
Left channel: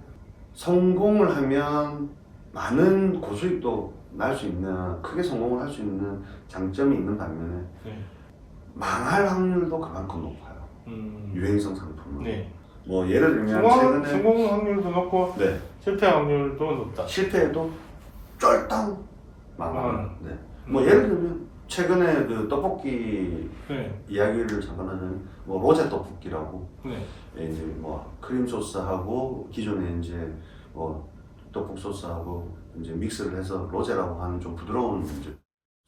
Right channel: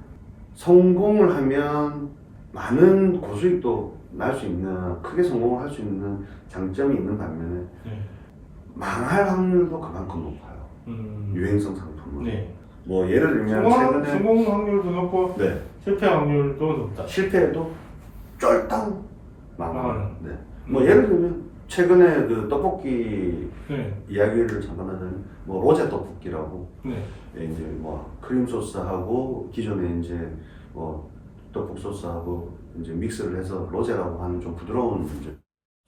성공을 하면 많은 고수익도 날 수 있는 크게 성공을 할 수 있는 장점이 있는 반면에 네. 망할 확률도 그만큼 높아요. 유행성 상품은. 네. 뭐 예를 들면 최근에 성공 확률도 높고 네. 실패 확률도 높다. 실패해도 쫄딱 망하는. 네. 뭐 음. 예를 들면 최근에 그 떡볶이 네. 이야기를 잠깐 하자면 뭐 로제 떡볶이라고 네. 이제 뭐 크림 소스하고 기존에 이제 뭐 떡볶이 소스하고 이제 믹스를 해서 로제라고 하는 좀 부드러운 이제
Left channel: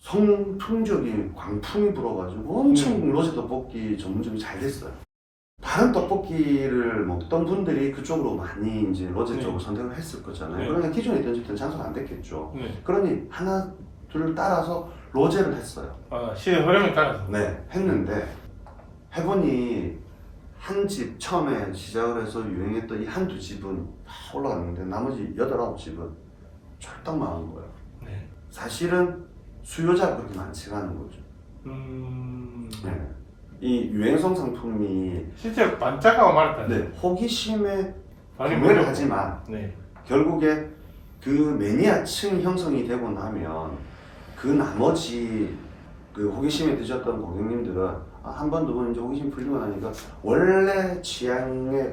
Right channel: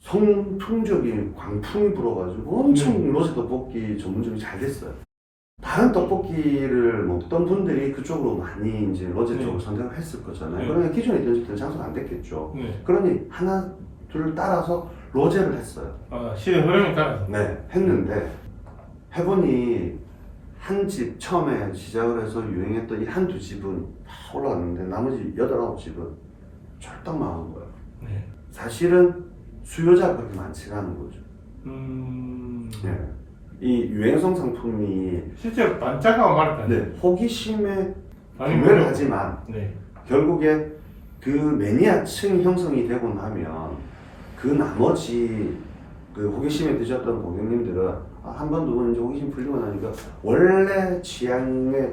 성풍적인 광풍이 불어가지고 엄청 로제 떡볶이 전문점이 잘 됐어요. 다른 떡볶이를 먹던 분들이 그쪽으로 많이 이제 로제 네. 쪽을 선택을 했을 거잖아요. 네. 그러면 기존에 있던 집들은 장사가 안 됐겠죠. 네. 그러니 하나 둘 따라서 로제를 했어요. 시대 흐름에 따라서. 네, 했는데 해보니 한 집 처음에 시작을 해서 유행했던 이 한두 집은 다 올라갔는데 나머지 8, 9집은 쫄딱 망한 거예요. 네. 사실은 수요자가 그렇게 많지가 않은 거죠. 음. 네. 이 유행성 상품이 실제로 반짝하고 말했다. 네, 호기심에 아니, 구매를 뭐죠? 하지만 네. 결국에 그 매니아층 형성이 되고 나면 그 나머지 그 호기심에 드셨던 고객님들은 한 번 두 번 이제 호기심 풀리고 나니까 원래 취향에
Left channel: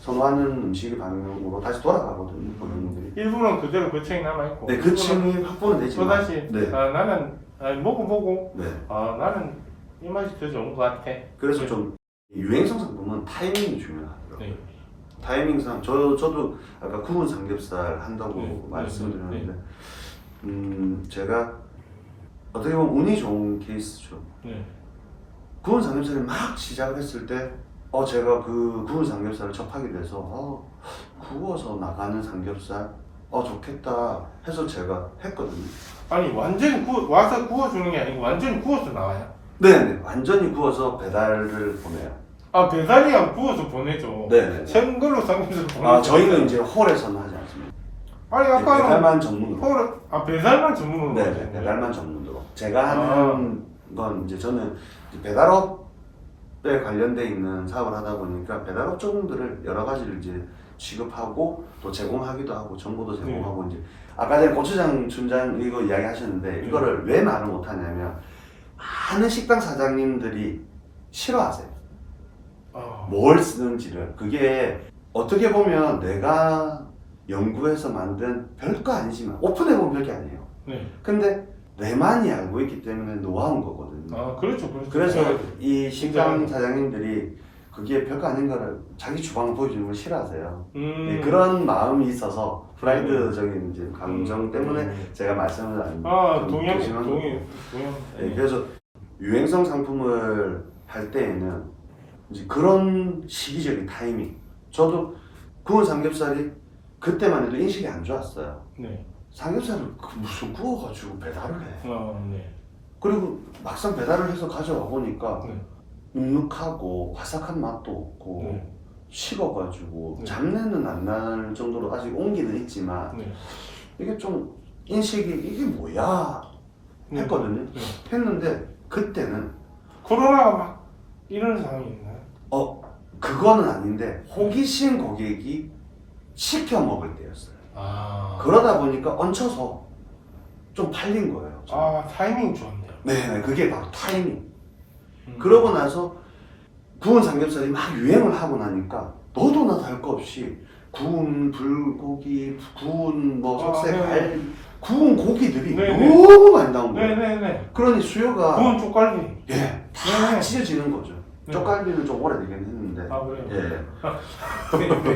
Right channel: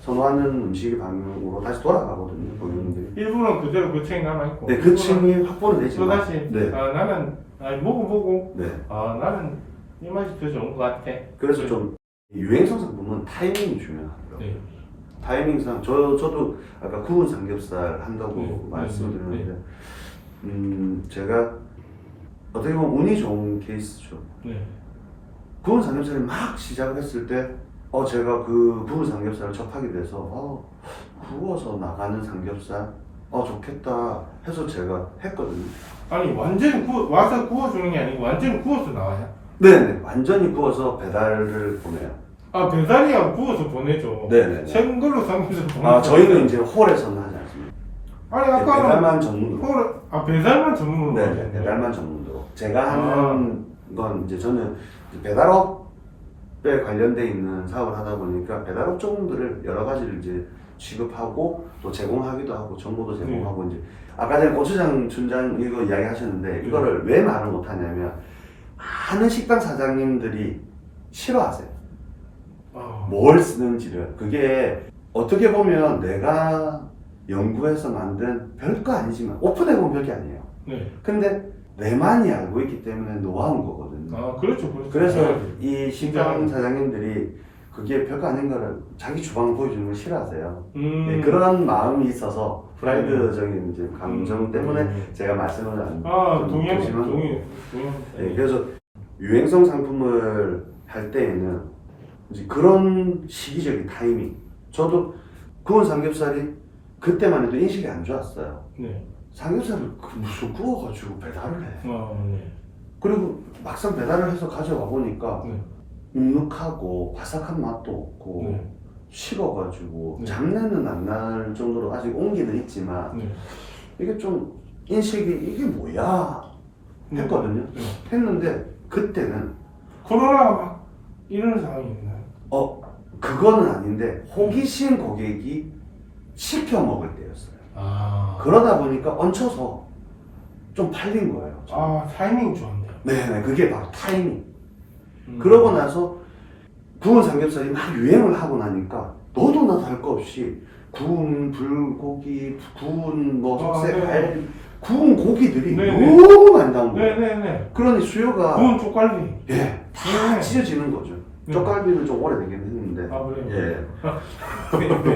선호하는 음식의 방향으로 다시 돌아가거든요, 고객님들이. 일부는 그대로 그 층이 남아있고. 네, 그 층이 확보는 또 되지만. 다시 네, 나는 먹어보고 네. 나는 이 맛이 더 좋은 것 같아. 그래서 좀 유행성 상품은 타이밍이 중요하고요. 네. 타이밍상 저도 아까 구운 삼겹살 한다고 네, 말씀드렸는데 제가 어떻게 보면 운이 좋은 케이스죠. 네. 구운 삼겹살이 막 시작했을 때 제가 그 구운 삼겹살을 접하게 돼서 구워서 나가는 삼겹살 좋겠다 해서 제가 했거든요. 아니 완전히 와서 구워주는 게 아니고 완전히 구워서 나와요? 네네, 완전히 구워서 배달을 보내요. 배달이야 구워서 보내죠. 네네. 생 걸로 삼겹살 보내죠. 저희는 이제 홀에서는 하지 않습니다. 아니 네, 아까는 배달만 전문으로. 배달만 전문으로. 네네, 배달만 전문으로. 제가 하는 건 이제 저는 이제 배달업에 관련돼 있는 사업을 하다 보니까 배달업 종들을 여러 가지를 이제 취급하고 또 제공하기도 하고 정보도 제공하고 이제 아까 전에 고추장 춘장 이거 이야기하셨는데 이거를 왜 말을 못하냐면 많은 식당 사장님들이 싫어하세요. 뭘 쓰는지를. 그게 어떻게 보면 내가 연구해서 만든 별거 아니지만 오픈해보면 별게 아니에요. 네. 근데 내만이 알고 있기 때문에 노하우인 거거든요. 그렇죠. 그래서 이 식당 사장님들이 그게 별거 아닌 거를 자기 주방을 보여주는 걸 싫어하세요. 네, 그런 마음이 있어서 프라이드적인 이제 감정 때문에 제가 말씀을 안 동의합니다. 네, 그래서 유행성 상품을 할 때에는 이제 그런 시기적인 타이밍. 저도 구운 삼겹살이 그때만 해도 인식이 안 좋았어요. 네. 삼겹살을 무슨 구워가지고 배달을 해. 네. 그리고 막상 배달을 해서 가져와 보니까 네. 눅눅하고 바삭한 맛도 없고 네. 식어가지고 네. 잡내는 안 날 정도로 아직 온기는 있지만 네. 이게 좀 인식이 이게 뭐야 했거든요. 네. 했는데 그때는 코로나가 막 이런 상황이 있나요? 그거는 아닌데 호기심 고객이 시켜 먹을 때였어요. 그러다 보니까 얹혀서 좀 팔린 거예요. 타이밍 좋았네요. 네네, 그게 바로 타이밍. 그러고 나서 구운 삼겹살이 막 유행을 하고 나니까 너도 나도 할 거 없이 구운 불고기, 구운 석쇠갈비, 구운 고기들이 네네. 너무 많이 나온 거예요. 네네네. 그러니 수요가 구운 쪽갈비. 다 찢어지는 거죠. 네. 쪽갈비는 좀 오래되긴 했는데. 그래요?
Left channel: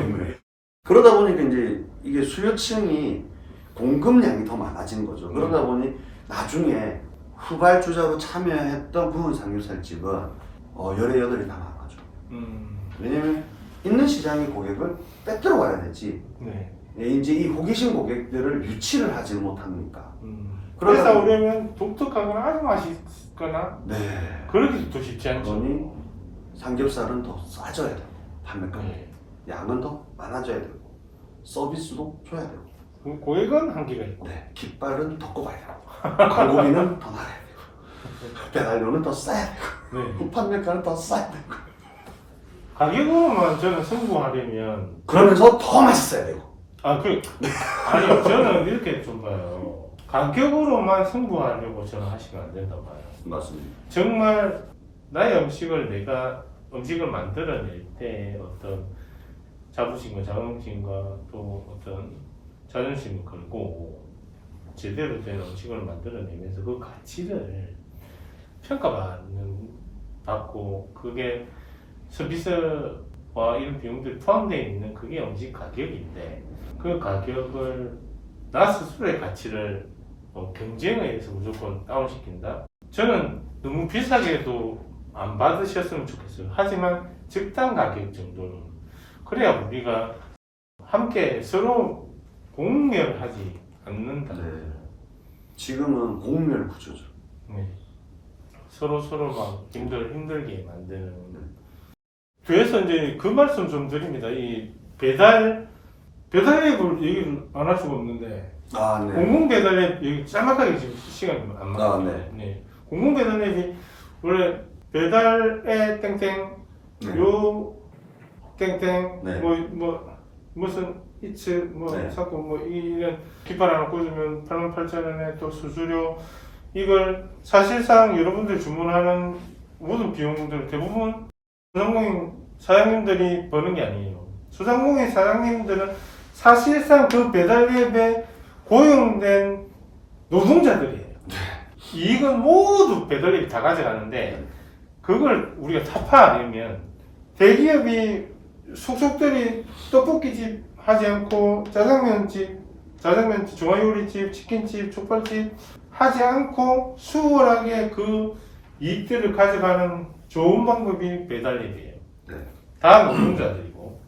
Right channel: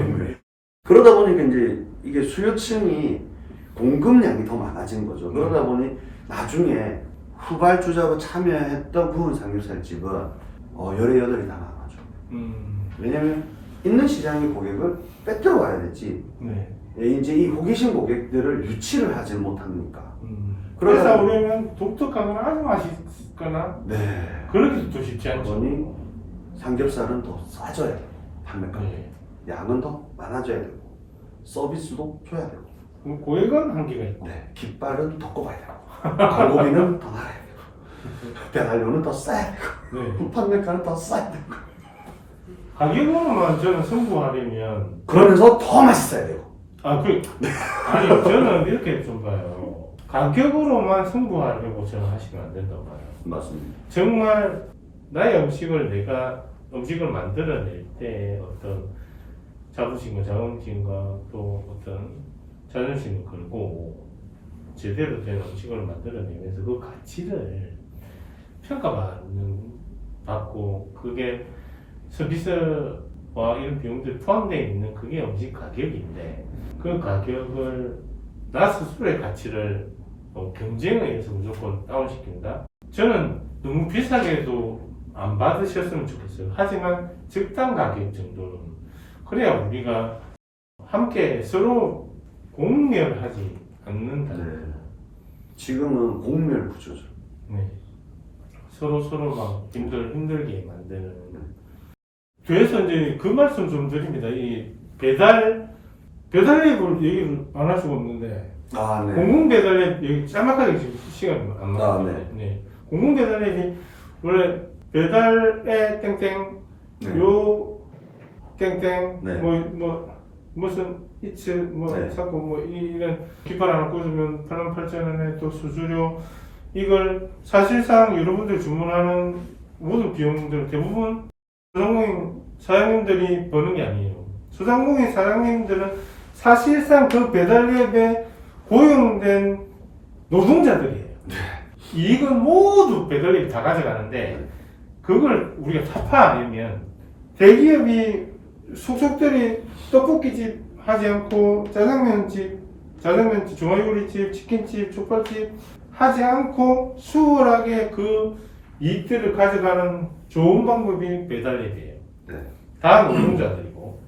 예. 그러다 보니까 이제 이게 수요층이 공급량이 더 많아진 거죠. 그러다 보니 나중에 후발주자로 참여했던 구운 삼겹살집은 열에 여덟이 다 나가죠. 왜냐면 있는 시장의 고객을 빼들어 와야 되지. 네. 이제 이 호기심 고객들을 유치를 하지 못하니까. 그래서 우리는 독특하거나 아주 맛있거나 네. 그러기도 또 쉽지 않죠. 그러니 삼겹살은 더 싸져야 돼요. 판매가. 네. 양은 더 많아져야 되고 서비스도 줘야 되고. 고액은 한계가 있고. 네. 깃발은 더 꼽아야 되고. 광고비는 더 나가야 되고. 배달료는 더 싸야 되고. 네. 판매가는 더 싸야 되고. 가격으로만 저는 승부하려면 그러면서 더 맛있어야 되고. 아니요, 저는 이렇게 좀 봐요. 가격으로만 승부하려고 저는 하시면 안 된다고 봐요. 맞습니다. 정말 나의 음식을 만들어낼 때 어떤 자부심과 자긍심과 또 어떤 자존심을 걸고 제대로 된 음식을 만들어내면서 그 가치를 평가받고 그게 서비스와 이런 비용들이 포함되어 있는 그게 음식 가격인데 그 가격을 나 스스로의 가치를 경쟁에 의해서 무조건 다운시킨다? 저는 너무 비싸게도 안 받으셨으면 좋겠어요. 하지만 적당 가격 정도는 그래야 우리가 함께 서로 공멸하지 않는다. 네. 지금은 공멸 구조죠. 네. 서로 막 힘들게 만드는. 그래서 이제 그 말씀 좀 드립니다. 이 배달앱을 얘기를 안 할 수가 없는데 네. 공공 배달앱 여기 짤막하게 지금 시간이 안 맞거든요. 네. 네. 공공 배달앱이 원래 배달의 땡땡 네. 요 땡땡 네. 무슨 이츠 네. 사고 이런 깃발 하나 꽂으면 88,000원에 또 수수료 이걸 사실상 여러분들 주문하는 모든 비용들 대부분 소상공인 사장님들이 버는 게 아니에요. 소상공인 사장님들은 사실상 그 배달앱에 고용된 노동자들이에요. 이익은 모두 배달앱이 다 가져가는데 그걸 우리가 타파 안 하면 대기업이 속속들이 떡볶이집 하지 않고 짜장면집, 중화요리집, 치킨집, 족발집 하지 않고 수월하게 그 이익들을 가져가는 좋은 방법이 배달앱이에요. 네. 다 노동자들이고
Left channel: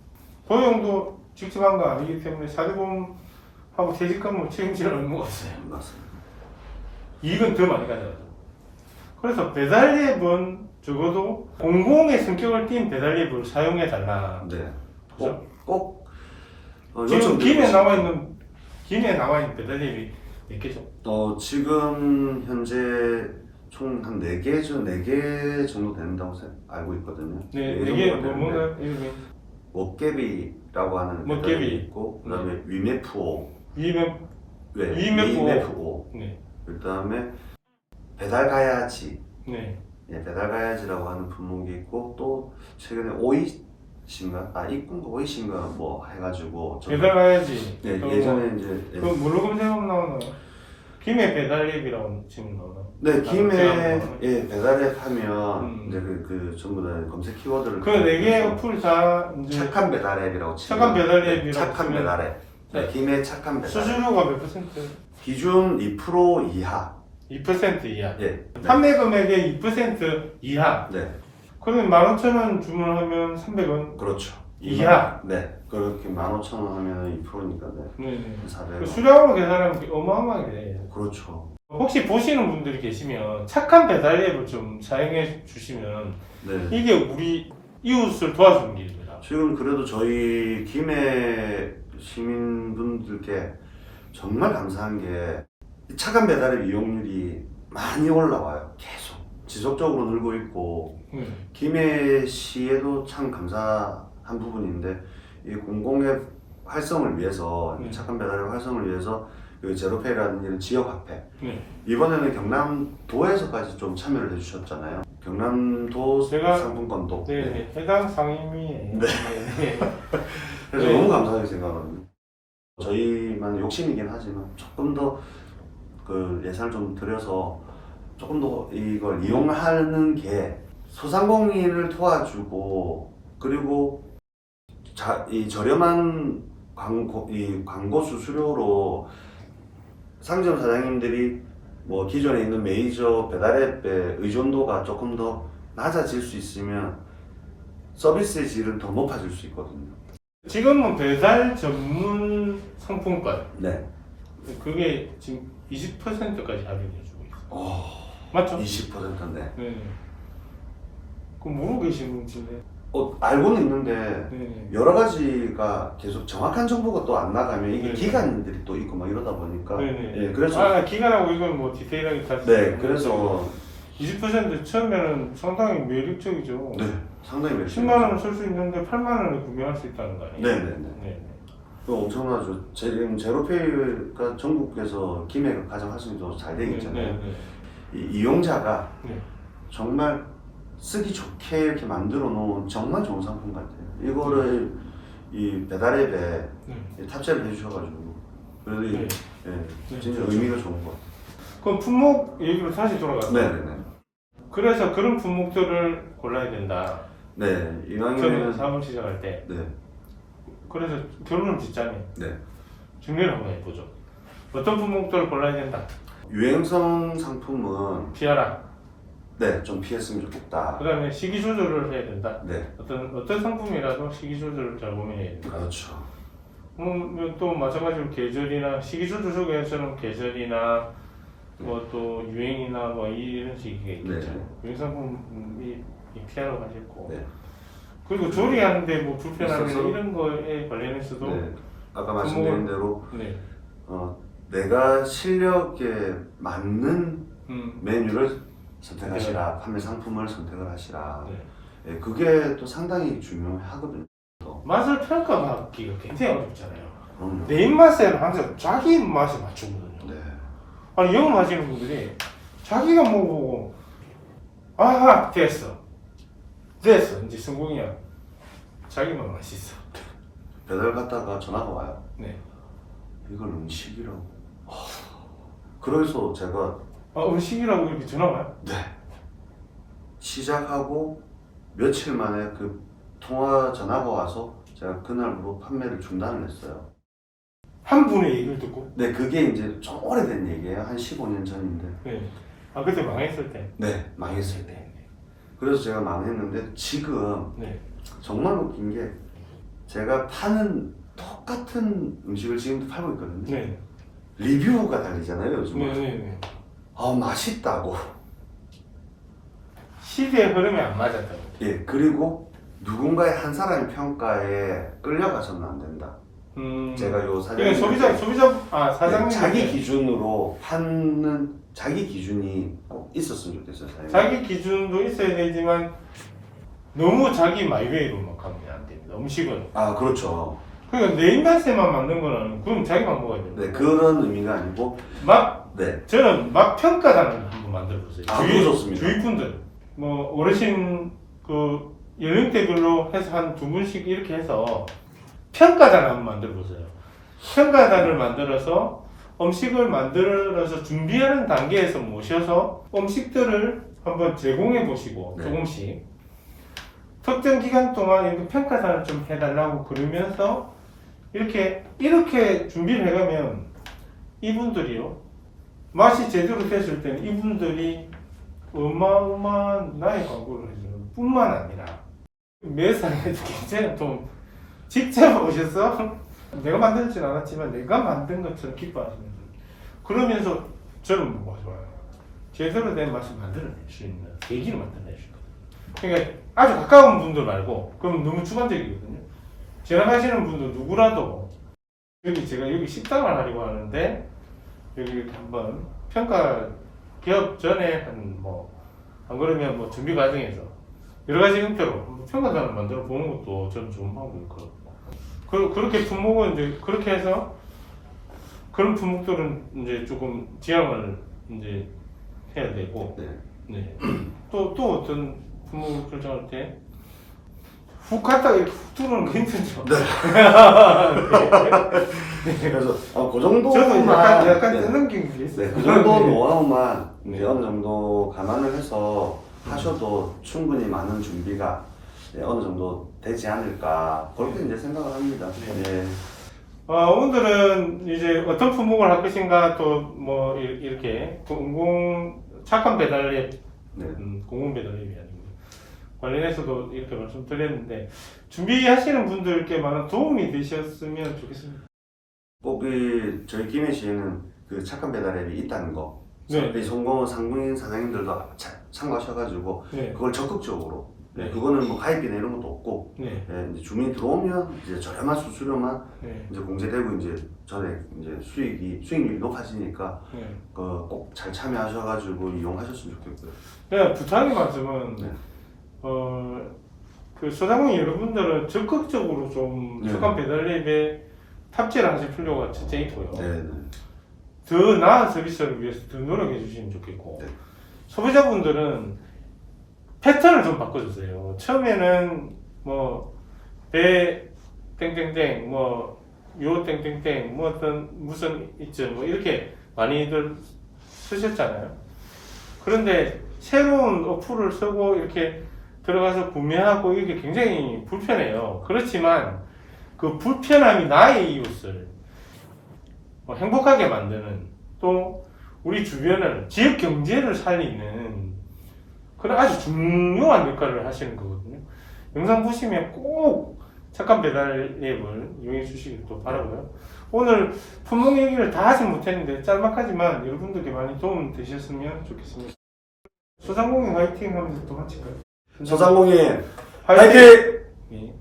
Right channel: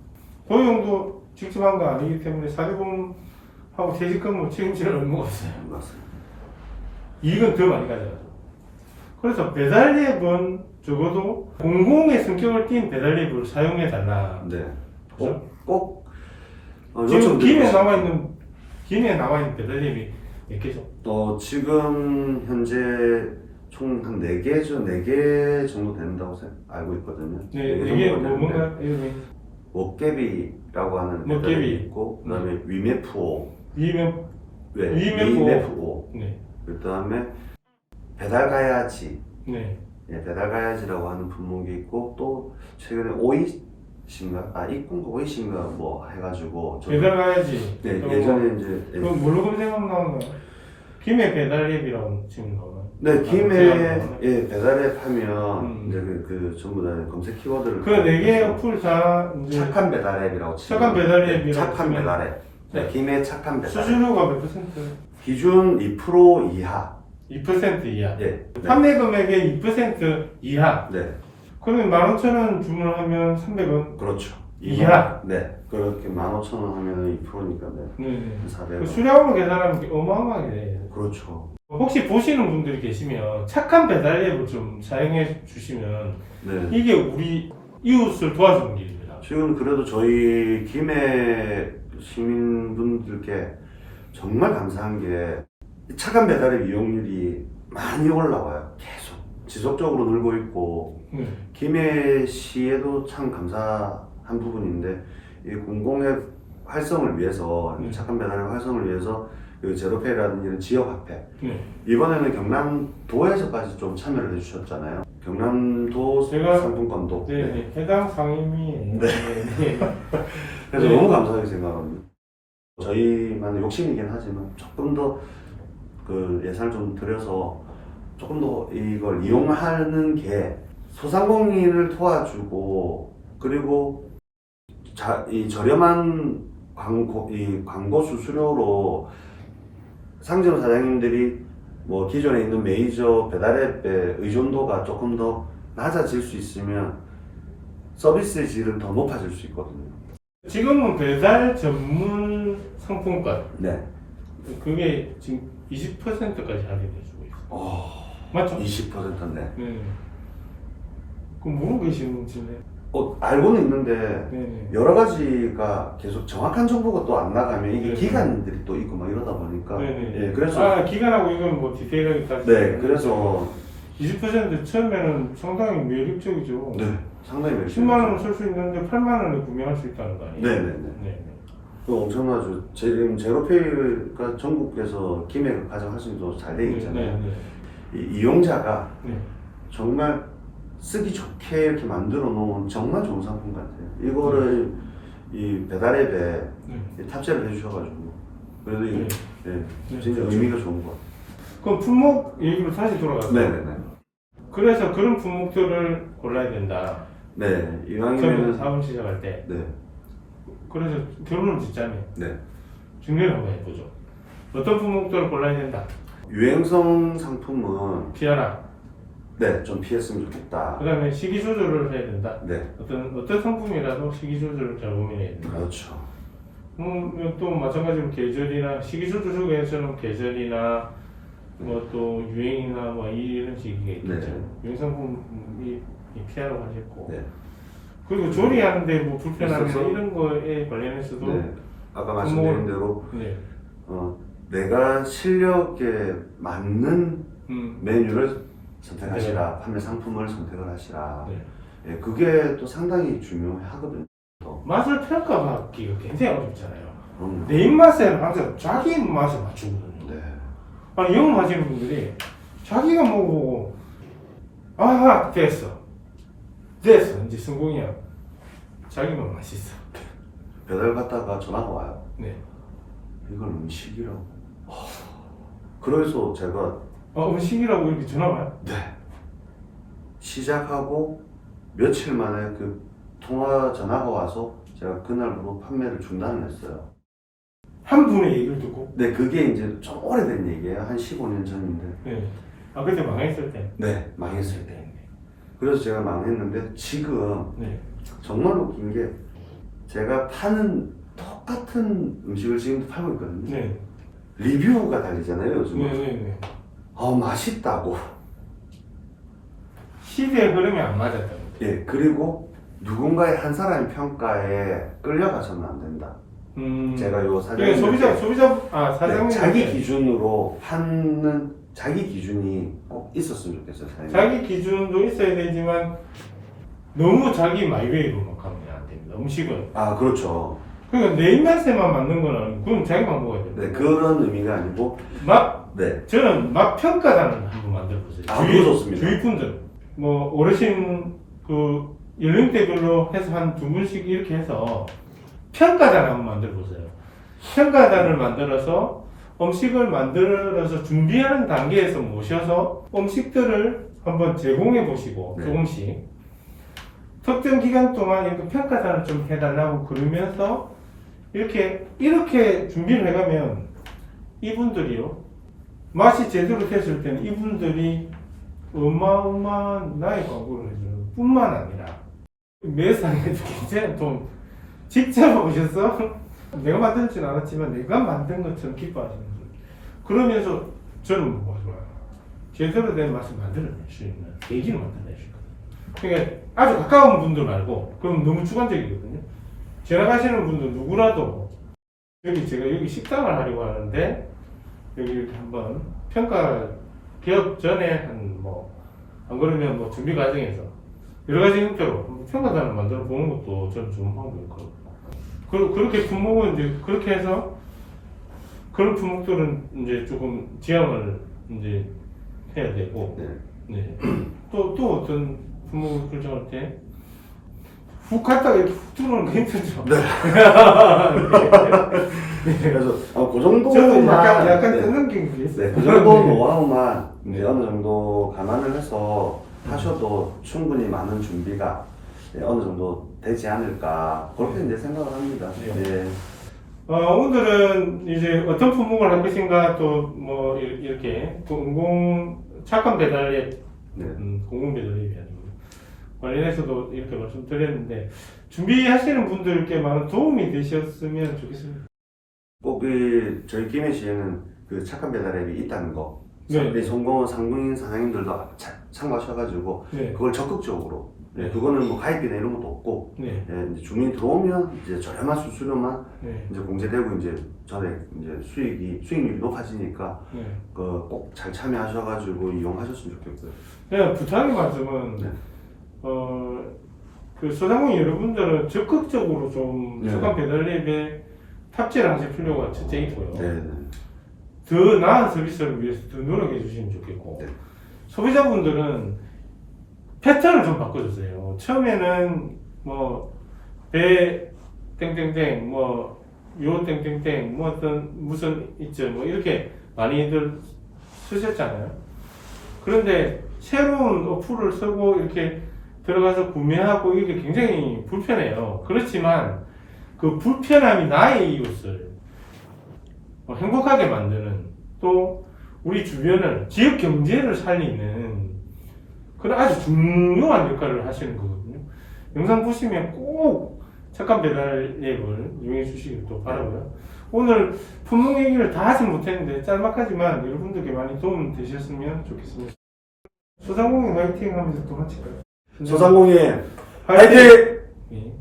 고용도 직접 한 거 아니기 때문에 사대보험하고 퇴직금을 책임질 의무가 없어요. 맞습니다. 이익은 더 많이 가져가죠. 그래서 배달앱은 적어도 공공의 성격을 띈 배달앱을 사용해 달라. 네. 그죠? 꼭 지금 김에 요청드리고 나와 있는 배달앱이 몇 개죠? 지금 현재 총 한 4개 정도 된다고 알고 있거든요. 네, 네 이게 정도 되는데 뭔가 이름이 먹개비라고 하는 먹개비. 배달이 있고 그다음에 위메프오, 이메 네, 위메프오. 위메프오. 네, 그다음에 배달 가야지, 네, 예, 배달 가야지라고 하는 품목이 있고 또 최근에 오이신가, 이꾼가 오이신가 뭐 해가지고 배달 가야지. 네, 또 예전에 이제 그 뭘로 검색하면 나오는 거야? 김해 배달앱이라고 지금 나오나요? 네, 김에 제가 예, 배달앱 하면 음. 이제 그 전부 다 검색 키워드를 그 4개 어플 다 이제 착한 배달앱이라고 치면 착한 배달앱이라고 네, 착한 치면 배달앱. 네, 네. 김해 착한 배달앱. 수수료가 몇 퍼센트? 기준 2% 이하. 2% 이하. 네. 판매 금액의 2% 이하. 네. 그러면 15,000원 주문하면 300원 그렇죠. 이하. 네. 그렇게 15,000원 하면 2%니까 네. 네. 400원. 그 수량으로 계산하면 어마어마하게 돼요. 그렇죠. 혹시 보시는 분들이 계시면 착한 배달앱을 좀 사용해 주시면 네. 이게 우리 이웃을 도와주는 길입니다. 지금 그래도 저희 김해 시민분들께 정말 감사한 게 착한 배달앱 이용률이 많이 올라와요. 계속 지속적으로 늘고 있고 김해시에도 참 감사한 부분인데 이 공공의 활성을 위해서 착한 배달앱 활성을 위해서 그 제로페이라든지 이런 지역 화폐 이번에는 경남도에서까지 좀 참여를 해주셨잖아요. 경남도 제가- 상품권도 네. 해당 상임위에 네. 그래서 네. 너무 감사하게 생각합니다. 저희만 욕심이긴 하지만 조금 더 그 예산을 좀 들여서 조금 더 이걸 이용하는 게 소상공인을 도와주고 그리고 이 저렴한 광고 수수료로 상점 사장님들이 뭐 기존에 있는 메이저 배달앱의 의존도가 조금 더 낮아질 수 있으면 서비스의 질은 더 높아질 수 있거든요. 지금은 배달 전문 상품권 네. 그게 지금 20%까지 할인해주고 있어요. 맞죠? 20%인데. 네. 그럼 모르고 계시는지 알고는 있는데 네. 여러 가지가 계속 정확한 정보가 또 안 나가면 이게 네. 기간들이 또 있고 막 이러다 보니까 네. 예, 그래서 기간하고 이건 뭐 디테일하게까지 네, 그래서 20% 처음에는 상당히 매력적이죠. 네, 상당히 10만 원을 쓸 수 있는데 8만 원을 구매할 수 있다는 거 아니에요? 네네네. 네. 그 엄청나죠. 지금 제로페이가 전국에서 김해가 가장 활성이 잘 되어 있잖아요. 이 이용자가 네. 정말 쓰기 좋게 이렇게 만들어 놓은 정말 좋은 상품 같아요. 이거를 이 배달앱에 네. 탑재를 해주셔가지고 그래도 네. 진짜 그렇죠. 의미가 좋은 것 같아요. 그럼 품목 얘기로 다시 돌아가서 네네네. 그래서 그런 품목들을 골라야 된다. 네, 처음에 이왕이면 사업 시작할 때. 네, 그래서 결론을 짓자면 네. 준비를 한번 해보죠. 어떤 품목들을 골라야 된다. 유행성 상품은 피하라. 네, 좀 피했으면 좋겠다. 그 다음에 시기 조절을 해야 된다. 네, 어떤 상품이라도 시기 조절을 잘 고민해야 된다. 그렇죠. 또 마찬가지로 계절이나 시기 조절 속에서는 계절이나 뭐 또 유행이나 뭐 이런 식이 있겠죠. 네. 유행 상품이 피하라고 하셨고. 네. 그리고 조리하는데 뭐 불편함이나 있어서- 이런 거에 관련해서도 네. 아까 말씀드린 대로 네. 내가 실력에 맞는 메뉴를 선택하시라, 판매 상품을 선택을 하시라. 네. 예, 그게 또 상당히 중요하거든요. 맛을 평가받기가 굉장히 어렵잖아요. 그럼요. 내 입맛에는 항상 자기 입맛에 맞추거든요. 네. 아니 영 마시는 분들이 자기가 먹어보고 아 됐어 이제 성공이야. 자기만 맛있어. 배달 갔다가 전화가 와요. 네. 이건 음식이라고. 그래서 제가 음식이라고 이렇게 전화 와요? 네. 시작하고 며칠 만에 그 통화 전화가 와서 제가 그날부로 판매를 중단을 했어요. 한 분의 얘기를 듣고. 네, 그게 이제 좀 오래된 얘기예요. 한 15년 전인데. 네. 아 그때 망했을 때. 네, 망했을 때. 그래서 제가 망했는데 지금 네. 정말 웃긴 게 제가 파는 똑같은 음식을 지금도 팔고 있거든요. 네. 리뷰가 달리잖아요, 요즘은. 네. 맛있다고. 시대의 흐름이 안 맞았다고. 예, 그리고 누군가의 한 사람의 평가에 끌려가서는 안 된다. 제가 요 사장님 사장님 자기 기준으로 파는 자기 기준이 꼭 있었으면 좋겠어요. 사장님. 자기 기준도 있어야 되지만 너무 자기 마이웨이로만 가면 안 됩니다. 음식은. 아, 그렇죠. 그러니까 내 입맛에만 맞는 건 아니고 그럼 자기만 먹어야 됩니다. 네, 그런 의미가 아니고 네. 저는 맛 평가단을 한번 만들어 보세요. 아, 그거 좋습니다. 주위 분들 뭐 어르신 그 연령대별로 해서 한 두 분씩 이렇게 해서 평가단 한번 만들어 보세요. 평가단을 만들어서 음식을 만들어서 준비하는 단계에서 모셔서 음식들을 한번 제공해 보시고 네. 조금씩 특정 기간 동안 이렇게 평가단을 좀 해달라고 그러면서 이렇게 준비를 해가면 이분들이요 맛이 제대로 됐을 때는 이분들이 어마어마한 나의 광고를 해주는 뿐만 아니라 매상에도 굉장히 좀 직접 오셔서 내가 만들진 않았지만 내가 만든 것처럼 기뻐하시는 분 그러면서 저는 뭐가 좋아요 제대로 된 맛을 만들어낼 수 있는 계기를 만들어낼 수 있거든요. 그러니까 아주 가까운 분들 말고 그럼 너무 주관적이거든요. 지나가시는 분들 누구라도 제가 여기 식당을 하려고 하는데 여기 이렇게 한번 평가 기업 전에 안 그러면 뭐 준비 과정에서 여러 가지 형태로 평가단을 만들어 보는 것도 저는 좋은 방법이거든요. 그렇게 품목은 이제 그렇게 해서 그런 품목들은 이제 조금 지향을 이제 해야 되고 네. 또 어떤 품목을 결정할 때 훅 갔다가 이렇게 훅 들어오는 거 힘들죠. 네. 그래서 그 정도만 저도 약간 네. 뜯는 게 있어요. 네, 그 정도 노하우만 이제 어느 정도 감안을 해서 하셔도 충분히 많은 준비가 어느 정도 되지 않을까 그렇게 이제 생각을 합니다. 네. 오늘은 이제 어떤 품목을 할 것인가 또 뭐 이렇게 착한 배달앱, 공공 배달앱이 아니고 관련해서도 이렇게 말씀드렸는데 준비하시는 분들께 많은 도움이 되셨으면 좋겠습니다. 꼭 저희 김해시에는 그 착한 배달 앱이 있다는 거, 네. 성공한 상무인 사장님들도 참고하셔가지고 네. 그걸 적극적으로 네. 그거는 뭐 가입비나 이런 것도 없고 네. 이제 주민이 들어오면 이제 저렴한 수수료만 네. 이제 공제되고 이제 전에 이제 수익률이 높아지니까 네. 꼭 잘 참여하셔가지고 이용하셨으면 좋겠고요. 네, 부탁의 말씀은 네. 그 소상공인 여러분들은 적극적으로 좀 네. 착한 배달앱에 탑재를 하실 필요가 첫째 있고요. 네. 더 나은 서비스를 위해서 더 노력해 주시면 좋겠고 네. 소비자분들은 패턴을 좀 바꿔주세요. 처음에는 배 땡땡땡 요 땡땡땡 어떤 무슨 있죠 이렇게 많이들 쓰셨잖아요. 그런데 새로운 어플을 쓰고 이렇게 들어가서 구매하고 이게 굉장히 불편해요. 그렇지만 그 불편함이 나의 이웃을 행복하게 만드는 또 우리 주변을 지역 경제를 살리는 그런 아주 중요한 역할을 하시는 거거든요. 영상 보시면 꼭 착한 배달 앱을 이용해 주시길 또 바라고요. 오늘 품목 얘기를 다 하진 못했는데 짤막하지만 여러분들께 많이 도움 되셨으면 좋겠습니다. 소상공인 화이팅 하면서 또 마칠까요? 소상공인 화이팅! 네.